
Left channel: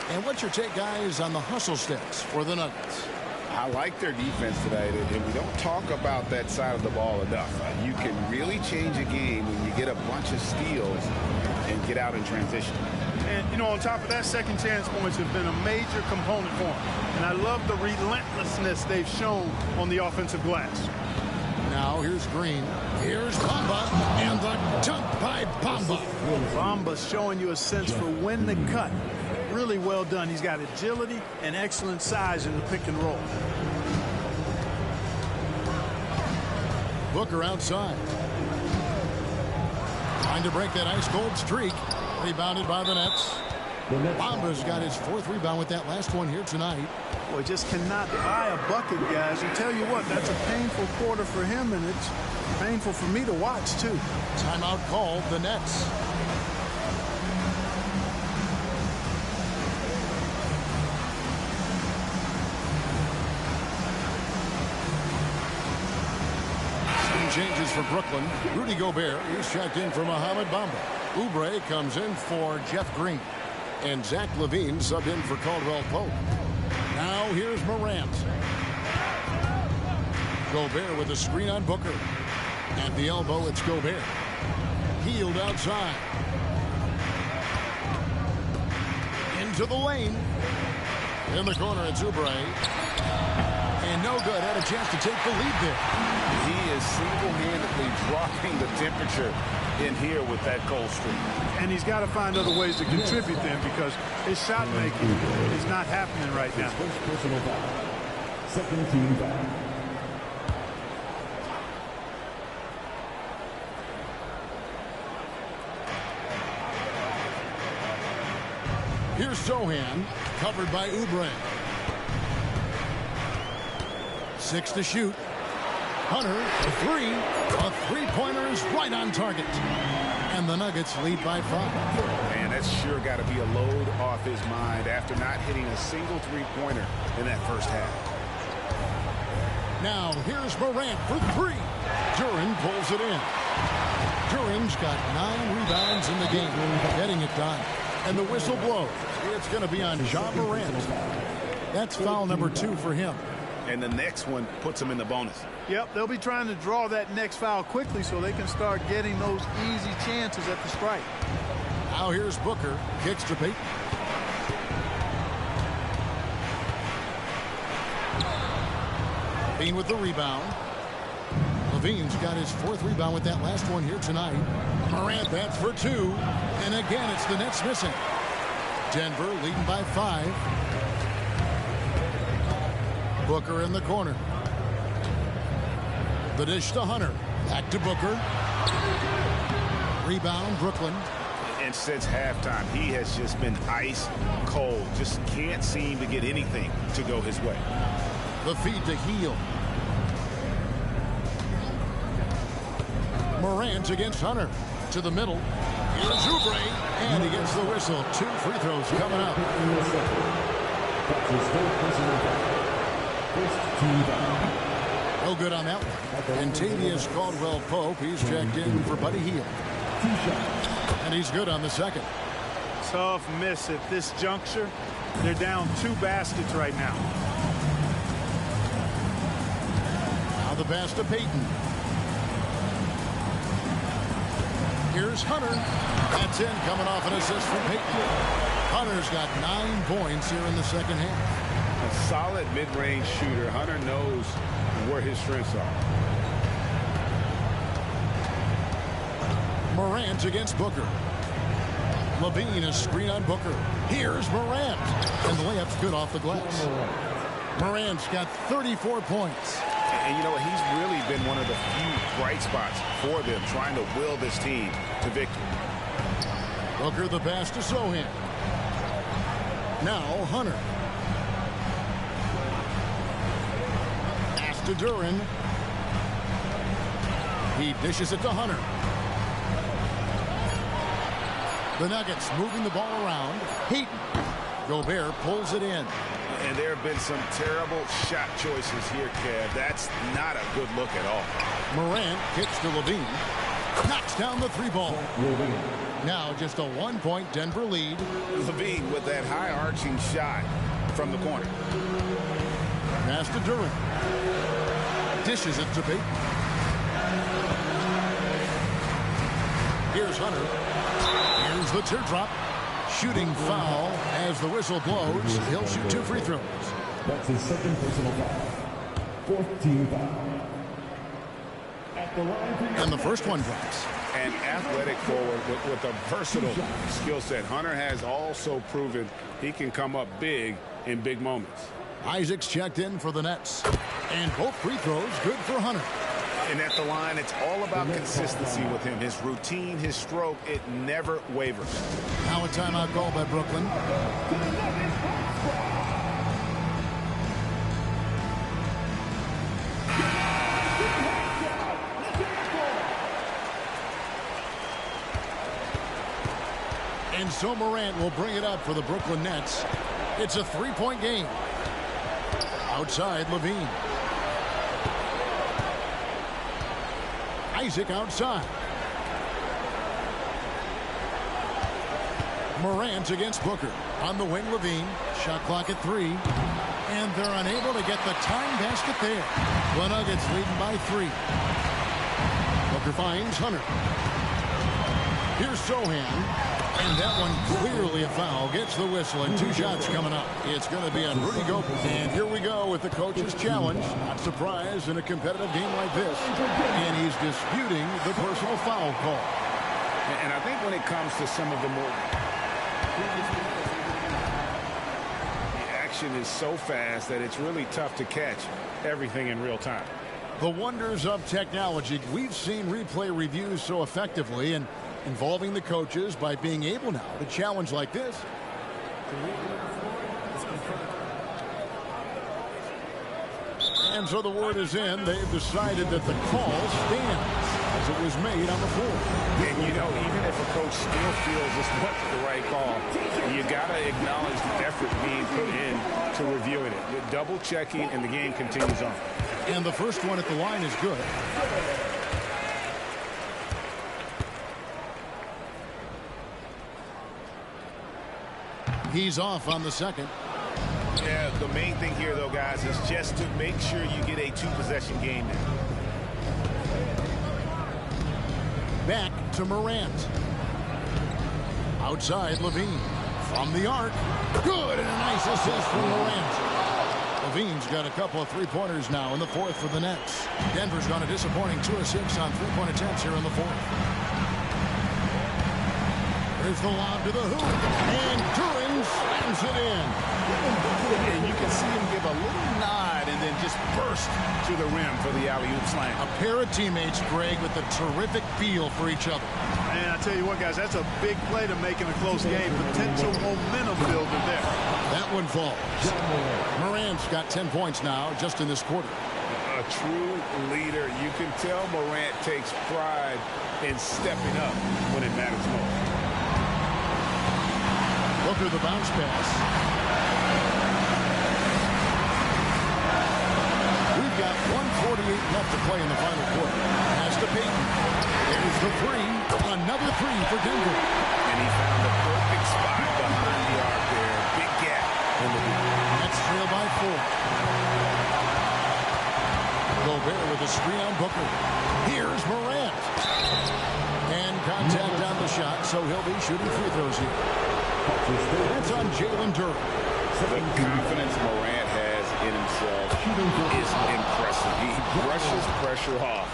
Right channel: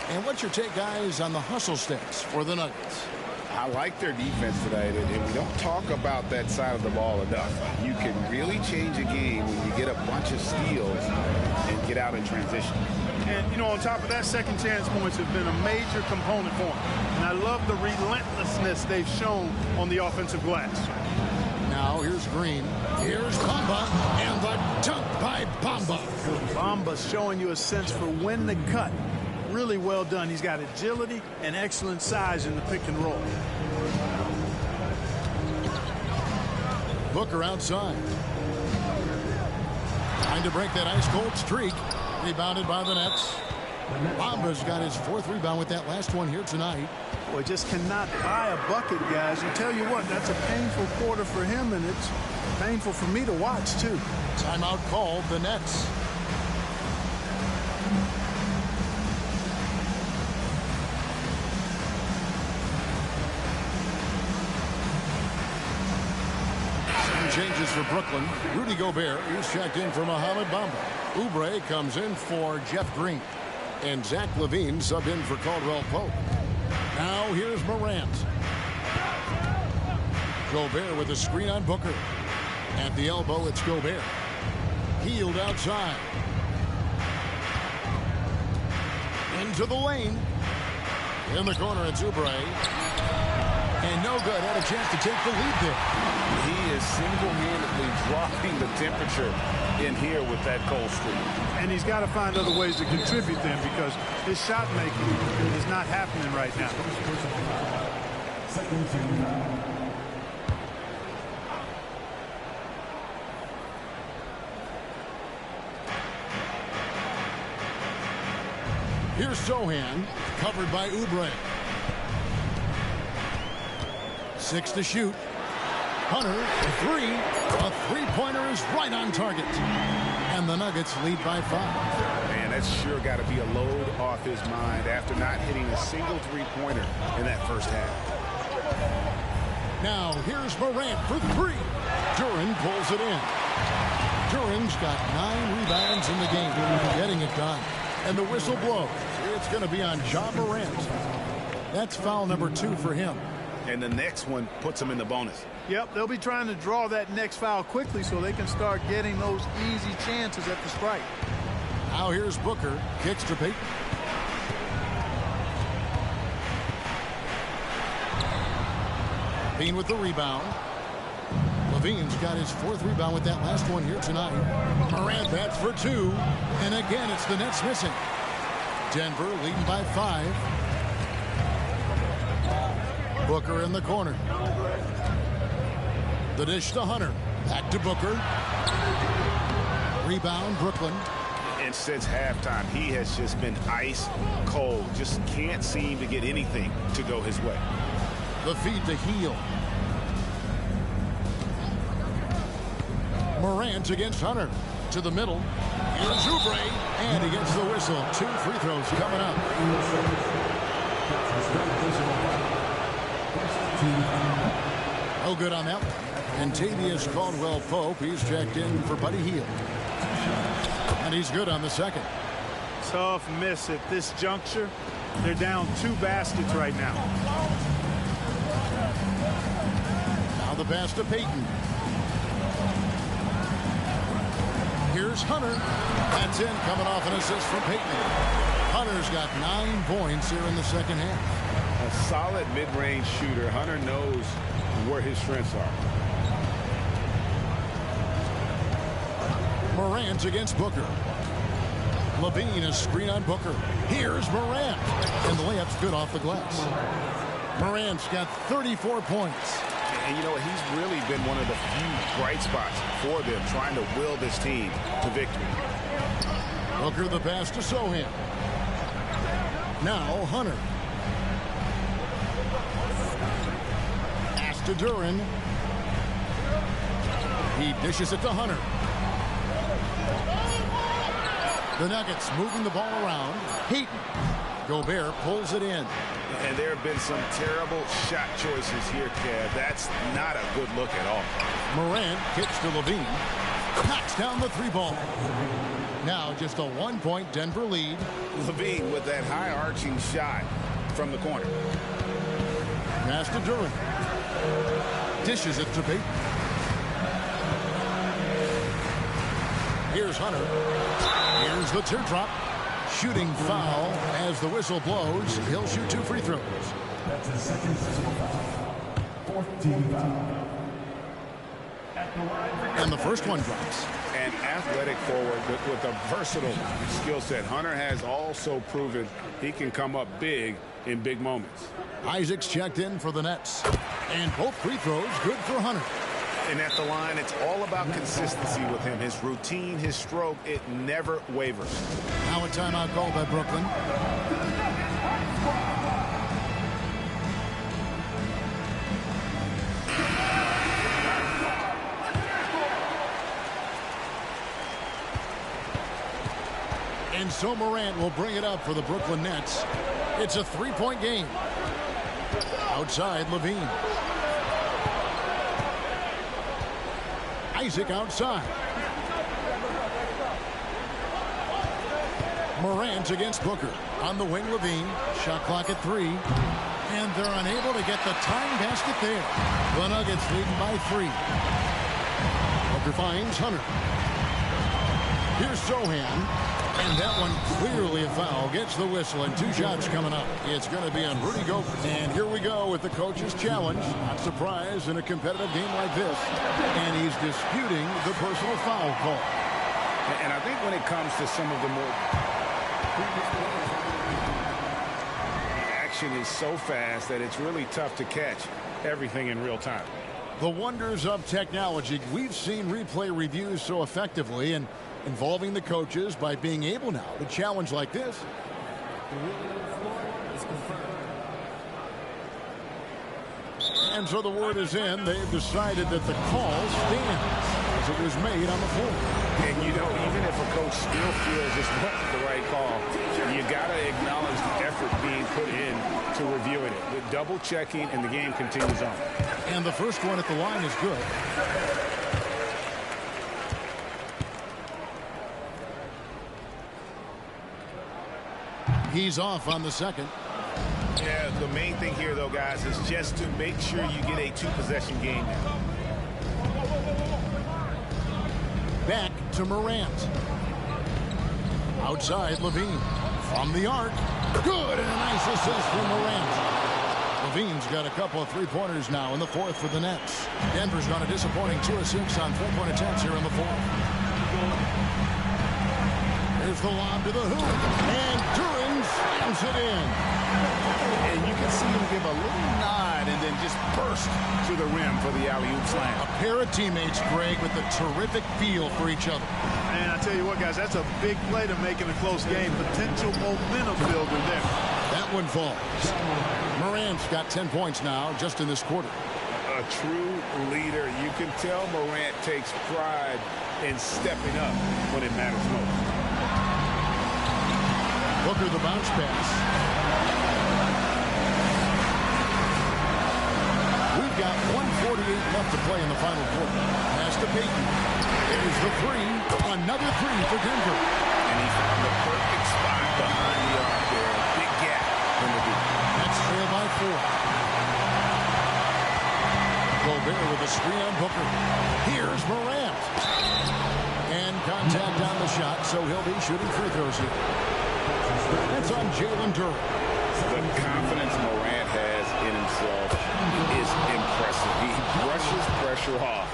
And what's your take, guys, on the hustle stats for the Nuggets? I like their defense tonight, and we don't talk about that side of the ball enough. You can really change a game when you get a bunch of steals and get out in transition. And, you know, on top of that, second chance points have been a major component for them. And I love the relentlessness they've shown on the offensive glass. Now here's Green. Here's Bamba. And the dunk by Bamba. Bamba's showing you a sense for when to cut. Really well done. He's got agility and excellent size in the pick and roll. Booker outside. Trying to break that ice-cold streak. Rebounded by the Nets. Bamba's got his 4th rebound with that last one here tonight. Boy, just cannot buy a bucket, guys. I tell you what, that's a painful quarter for him, and it's painful for me to watch, too. Timeout called, the Nets. Some changes for Brooklyn. Rudy Gobert, he's checked in for Mohamed Bamba. Oubre comes in for Jeff Green. And Zach LaVine subbed in for Caldwell Pope. Now here's Morant. Gobert with a screen on Booker. At the elbow, it's Gobert. Healed outside. Into the lane. In the corner, it's Oubre. And no good. Had a chance to take the lead there. He is single-handedly dropping the temperature in here with that cold streak. And he's got to find other ways to contribute then, because his shot making is not happening right now. First personal foul. Second team foul. Here's Sohan, covered by Oubre. 6 to shoot. Hunter, a three. A three-pointer is right on target. And the Nuggets lead by 5. Man, that's sure got to be a load off his mind after not hitting a single three-pointer in that first half. Now, here's Morant for 3. Duren pulls it in. Duren's got 9 rebounds in the game, getting it done. And the whistle blows. It's going to be on Ja Morant. That's foul number 2 for him. And the next one puts him in the bonus. Yep, they'll be trying to draw that next foul quickly so they can start getting those easy chances at the strike. Now here's Booker. Kicks to Payton. Bean with the rebound. LaVine's got his 4th rebound with that last one here tonight. Morant bats for 2. And again, it's the Nets missing. Denver leading by 5. Booker in the corner. The dish to Hunter. Back to Booker. Rebound, Brooklyn. And since halftime, he has just been ice cold. Just can't seem to get anything to go his way. The feed to Heel. Morant against Hunter. To the middle. Here's Oubre. And he gets the whistle. 2 free throws coming up. That's his third personal foul. First team foul. No good on that one. And Tavius Caldwell-Pope, he's checked in for Buddy Hield. And he's good on the second. Tough miss at this juncture. They're down 2 baskets right now. Now the pass to Payton. Here's Hunter. That's in, coming off an assist from Payton. Hunter's got 9 points here in the second half. A solid mid-range shooter. Hunter knows where his strengths are. Morant against Booker. LaVine, a screen on Booker. Here's Morant. And the layup's good off the glass. Morant's got 34 points. And you know, he's really been one of the few bright spots for them, trying to will this team to victory. Booker the pass to Sohan. Now Hunter. Pass to Duren. He dishes it to Hunter. The Nuggets moving the ball around. Payton. Gobert pulls it in. And there have been some terrible shot choices here, Kev. That's not a good look at all. Morant kicks to LaVine. Knocks down the 3-ball. Now just a 1-point Denver lead. LaVine with that high-arching shot from the corner. Pass to Duren. Dishes it to Payton. Here's Hunter. Here's the teardrop. Shooting foul as the whistle blows. He'll shoot 2 free throws. That's his second personal foul. 4th team foul. At the line. And the first one drops. An athletic forward with a versatile skill set. Hunter has also proven he can come up big in big moments. Isaac's checked in for the Nets. And both free throws good for Hunter. And at the line, it's all about consistency with him. His routine, his stroke, it never wavers. Now a timeout call by Brooklyn. And so Morant will bring it up for the Brooklyn Nets. It's a three-point game. Outside, Levine. Isaac outside. Morant against Booker. On the wing, Levine. Shot clock at 3. And they're unable to get the tying basket there. The Nuggets leading by 3. Booker finds Hunter. Here's Sohan. And that one clearly a foul. Gets the whistle, and 2 shots coming up. It's going to be on Rudy Gobert. And here we go with the coach's challenge. Not surprised in a competitive game like this. And he's disputing the personal foul call. And I think when it comes to some of the more previous players, the action is so fast that it's really tough to catch everything in real time. The wonders of technology. We've seen replay reviews so effectively and involving the coaches by being able now to challenge like this. The ruling on the floor is confirmed. And so the word is in. They've decided that the call stands as it was made on the floor. And, you know, even if a coach still feels this wasn't the right call, you got to acknowledge the effort being put in to reviewing it. The double checking, and the game continues on. And the first one at the line is good. He's off on the second. Yeah, the main thing here, though, guys, is just to make sure you get a 2-possession game now. Back to Morant. Outside, Levine. From the arc. Good, and a nice assist from Morant. Levine's got a couple of three-pointers now in the fourth for the Nets. Denver's gone a disappointing 2 of 6 on three-point attempts here in the fourth. Here's the lob to the hoop, and Duran slams it in. And you can see him give a little nod and then just burst to the rim for the alley-oop slam. A pair of teammates, Greg, with a terrific feel for each other. And I tell you what, guys, that's a big play to make in a close game. Potential momentum builder there. That one falls. Morant's got 10 points now just in this quarter. A true leader. You can tell Morant takes pride in stepping up when it matters most. Booker the bounce pass. We've got 1:48 left to play in the final quarter. Pass to Payton. There's the 3. Another 3 for Denver. And he found the perfect spot behind the arc there. Big gap in the deep. Nets trail by 4. Gobert with a screen on Booker. Here's Morant. And contact on the shot, so he'll be shooting free throws here. That's on Jalen Duran. The confidence Morant has in himself is impressive. He brushes pressure off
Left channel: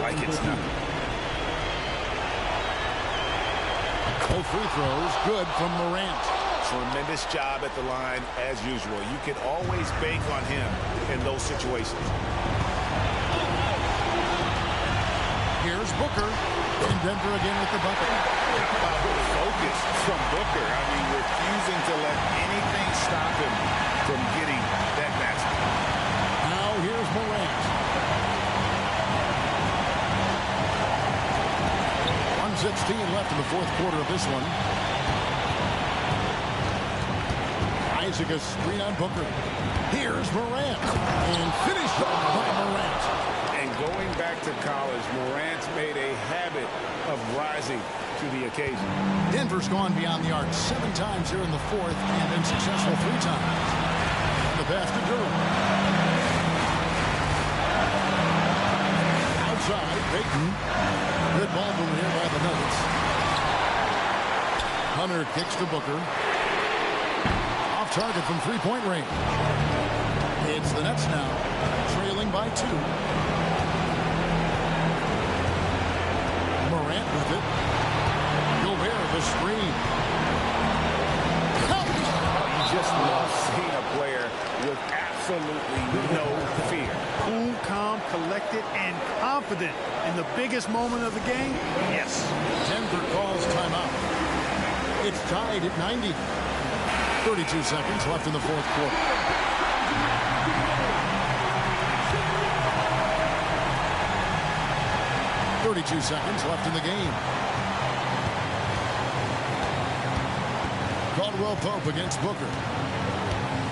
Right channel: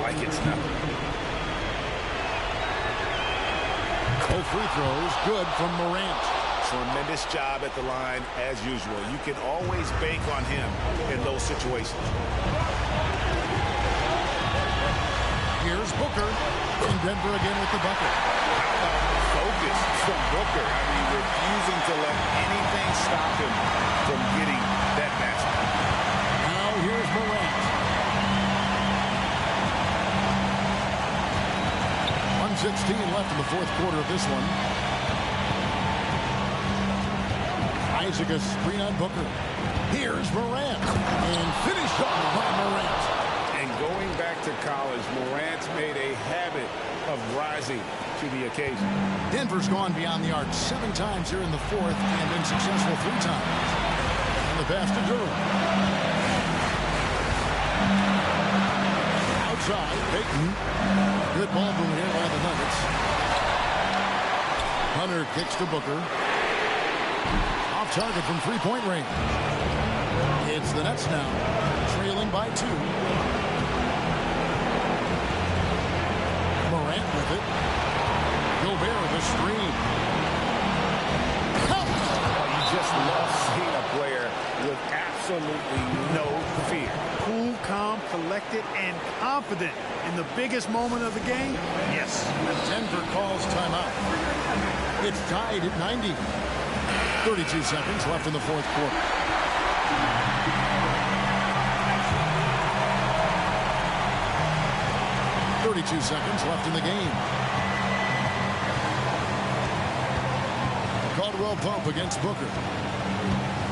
like it's nothing. Both free throws good from Morant. Tremendous job at the line as usual. You can always bank on him in those situations. Here's Booker. And Denver again with the bucket. How about the focus from Booker? I mean, refusing to let anything stop him from getting that basket. Now here's Morant. 1:16 left in the fourth quarter of this one. Isaac a screen on Booker. Here's Morant. And finished off by Morant. And going back to college, Morant's made a habit of rising to the occasion. Denver's gone beyond the arc 7 times here in the fourth and been successful 3 times. And the pass to Duran. Outside, Payton. Good ball movement here by the Nuggets. Hunter kicks to Booker. Off target from 3-point range. It's the Nets now, trailing by 2. Morant with it. Gobert the screen. Oh, you just love seeing a player with absolutely no fear. Cool, calm, collected, and confident in the biggest moment of the game. Yes. Denver calls timeout. It's tied at 90. 32 seconds left in the fourth quarter. .32 seconds left in the game. Caldwell Pope against Booker.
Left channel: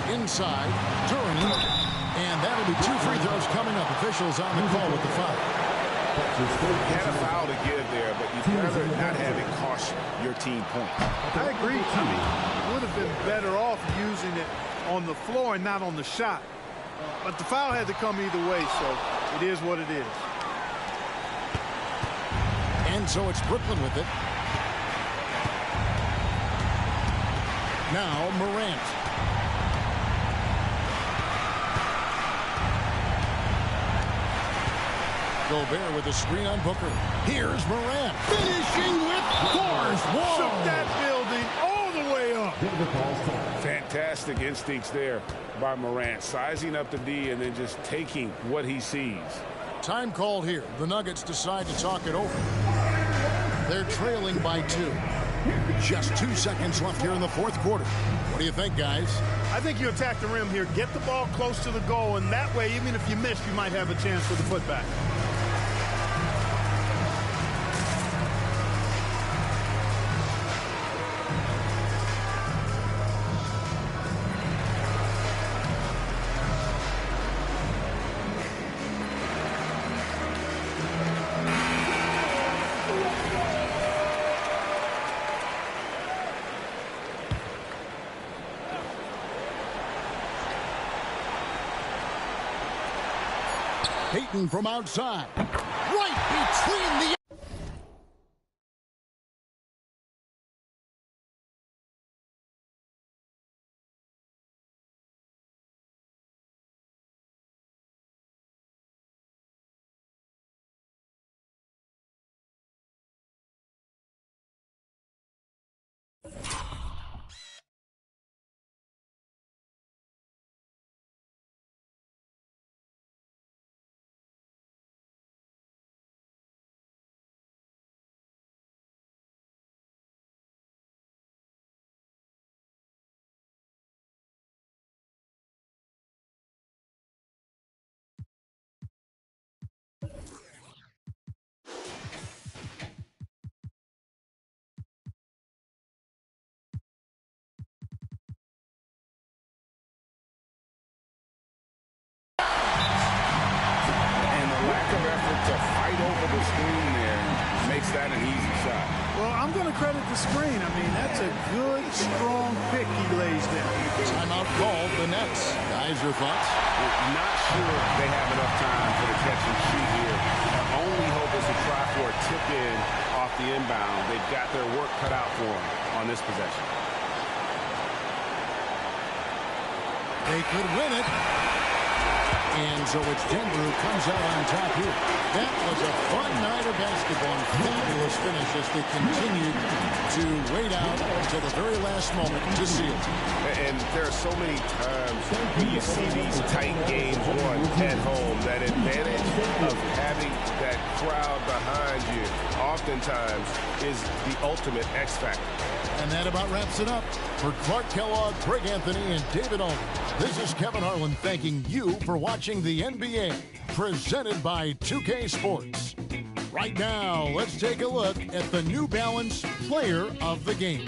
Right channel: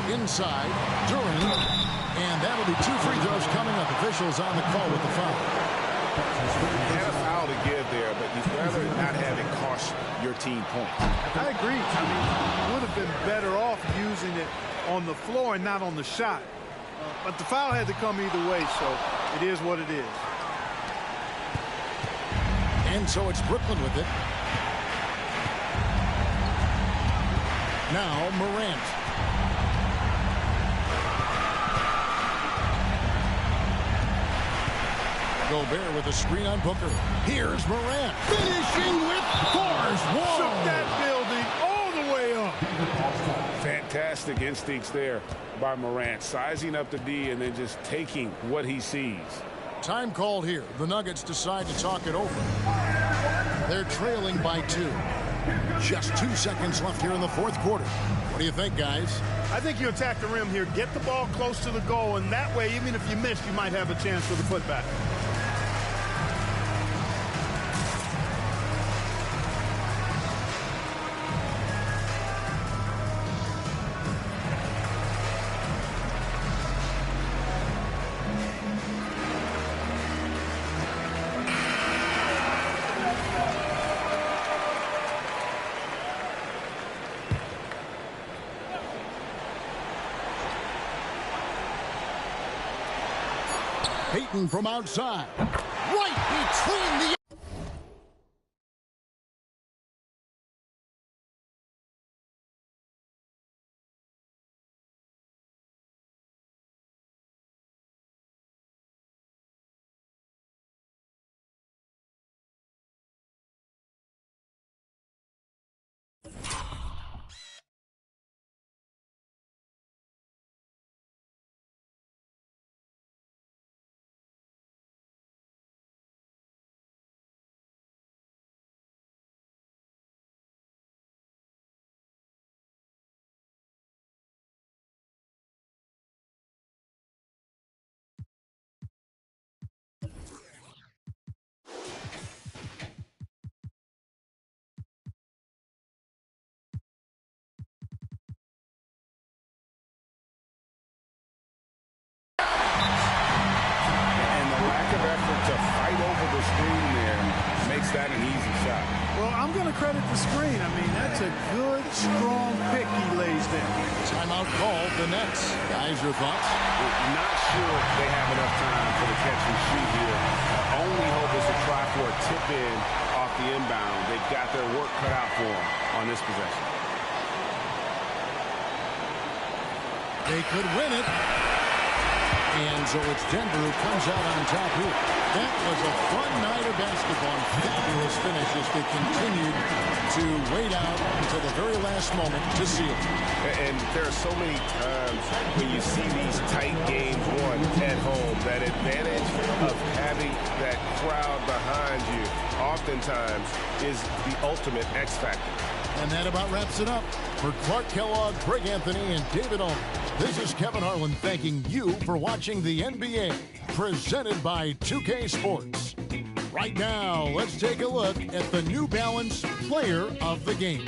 Inside, Duran. And that'll be 2 free throws coming up. Officials on the call with the foul. You had a foul to give there, but you'd rather not have it cost your team points. I agree. I mean, you would have been better off using it on the floor and not on the shot. But the foul had to come either way, so it is what it is. And so it's Brooklyn with it. Now Morant. Gobert with a screen on Booker. Here's Morant. Finishing with force. Whoa. Shook that building all the way up. Fantastic instincts there by Morant. Sizing up the D and then just taking what he sees. Time called here. The Nuggets decide to talk it over. They're trailing by 2. Just 2 seconds left here in the fourth quarter. What do you think, guys? I think you attack the rim here. Get the ball close to the goal, and that way, even if you miss, you might have a chance for the putback. Payton from outside. Right between the... Of effort to fight over the screen there makes that an easy shot. Well, I'm going to credit the screen. I mean, that's a good, strong pick he lays there. Timeout called. The Nets. Guys, your thoughts? Not sure they have enough time for the catch and shoot here. Only hope is to try for a tip in off the inbound. They've got their work cut out for them on this possession. They could win it. And so it's Denver who comes out on top here. That was a fun night of basketball and fabulous finish as they continued to wait out until the very last moment to seal. And there are so many times when you see these tight games won at home, that advantage of having that crowd behind you oftentimes is the ultimate X factor. And that about wraps it up. For Clark Kellogg, Greg Anthony, and David Ulmer, this is Kevin Harlan thanking you for watching the NBA, presented by 2K Sports. Right now, let's take a look at the New Balance Player of the Game.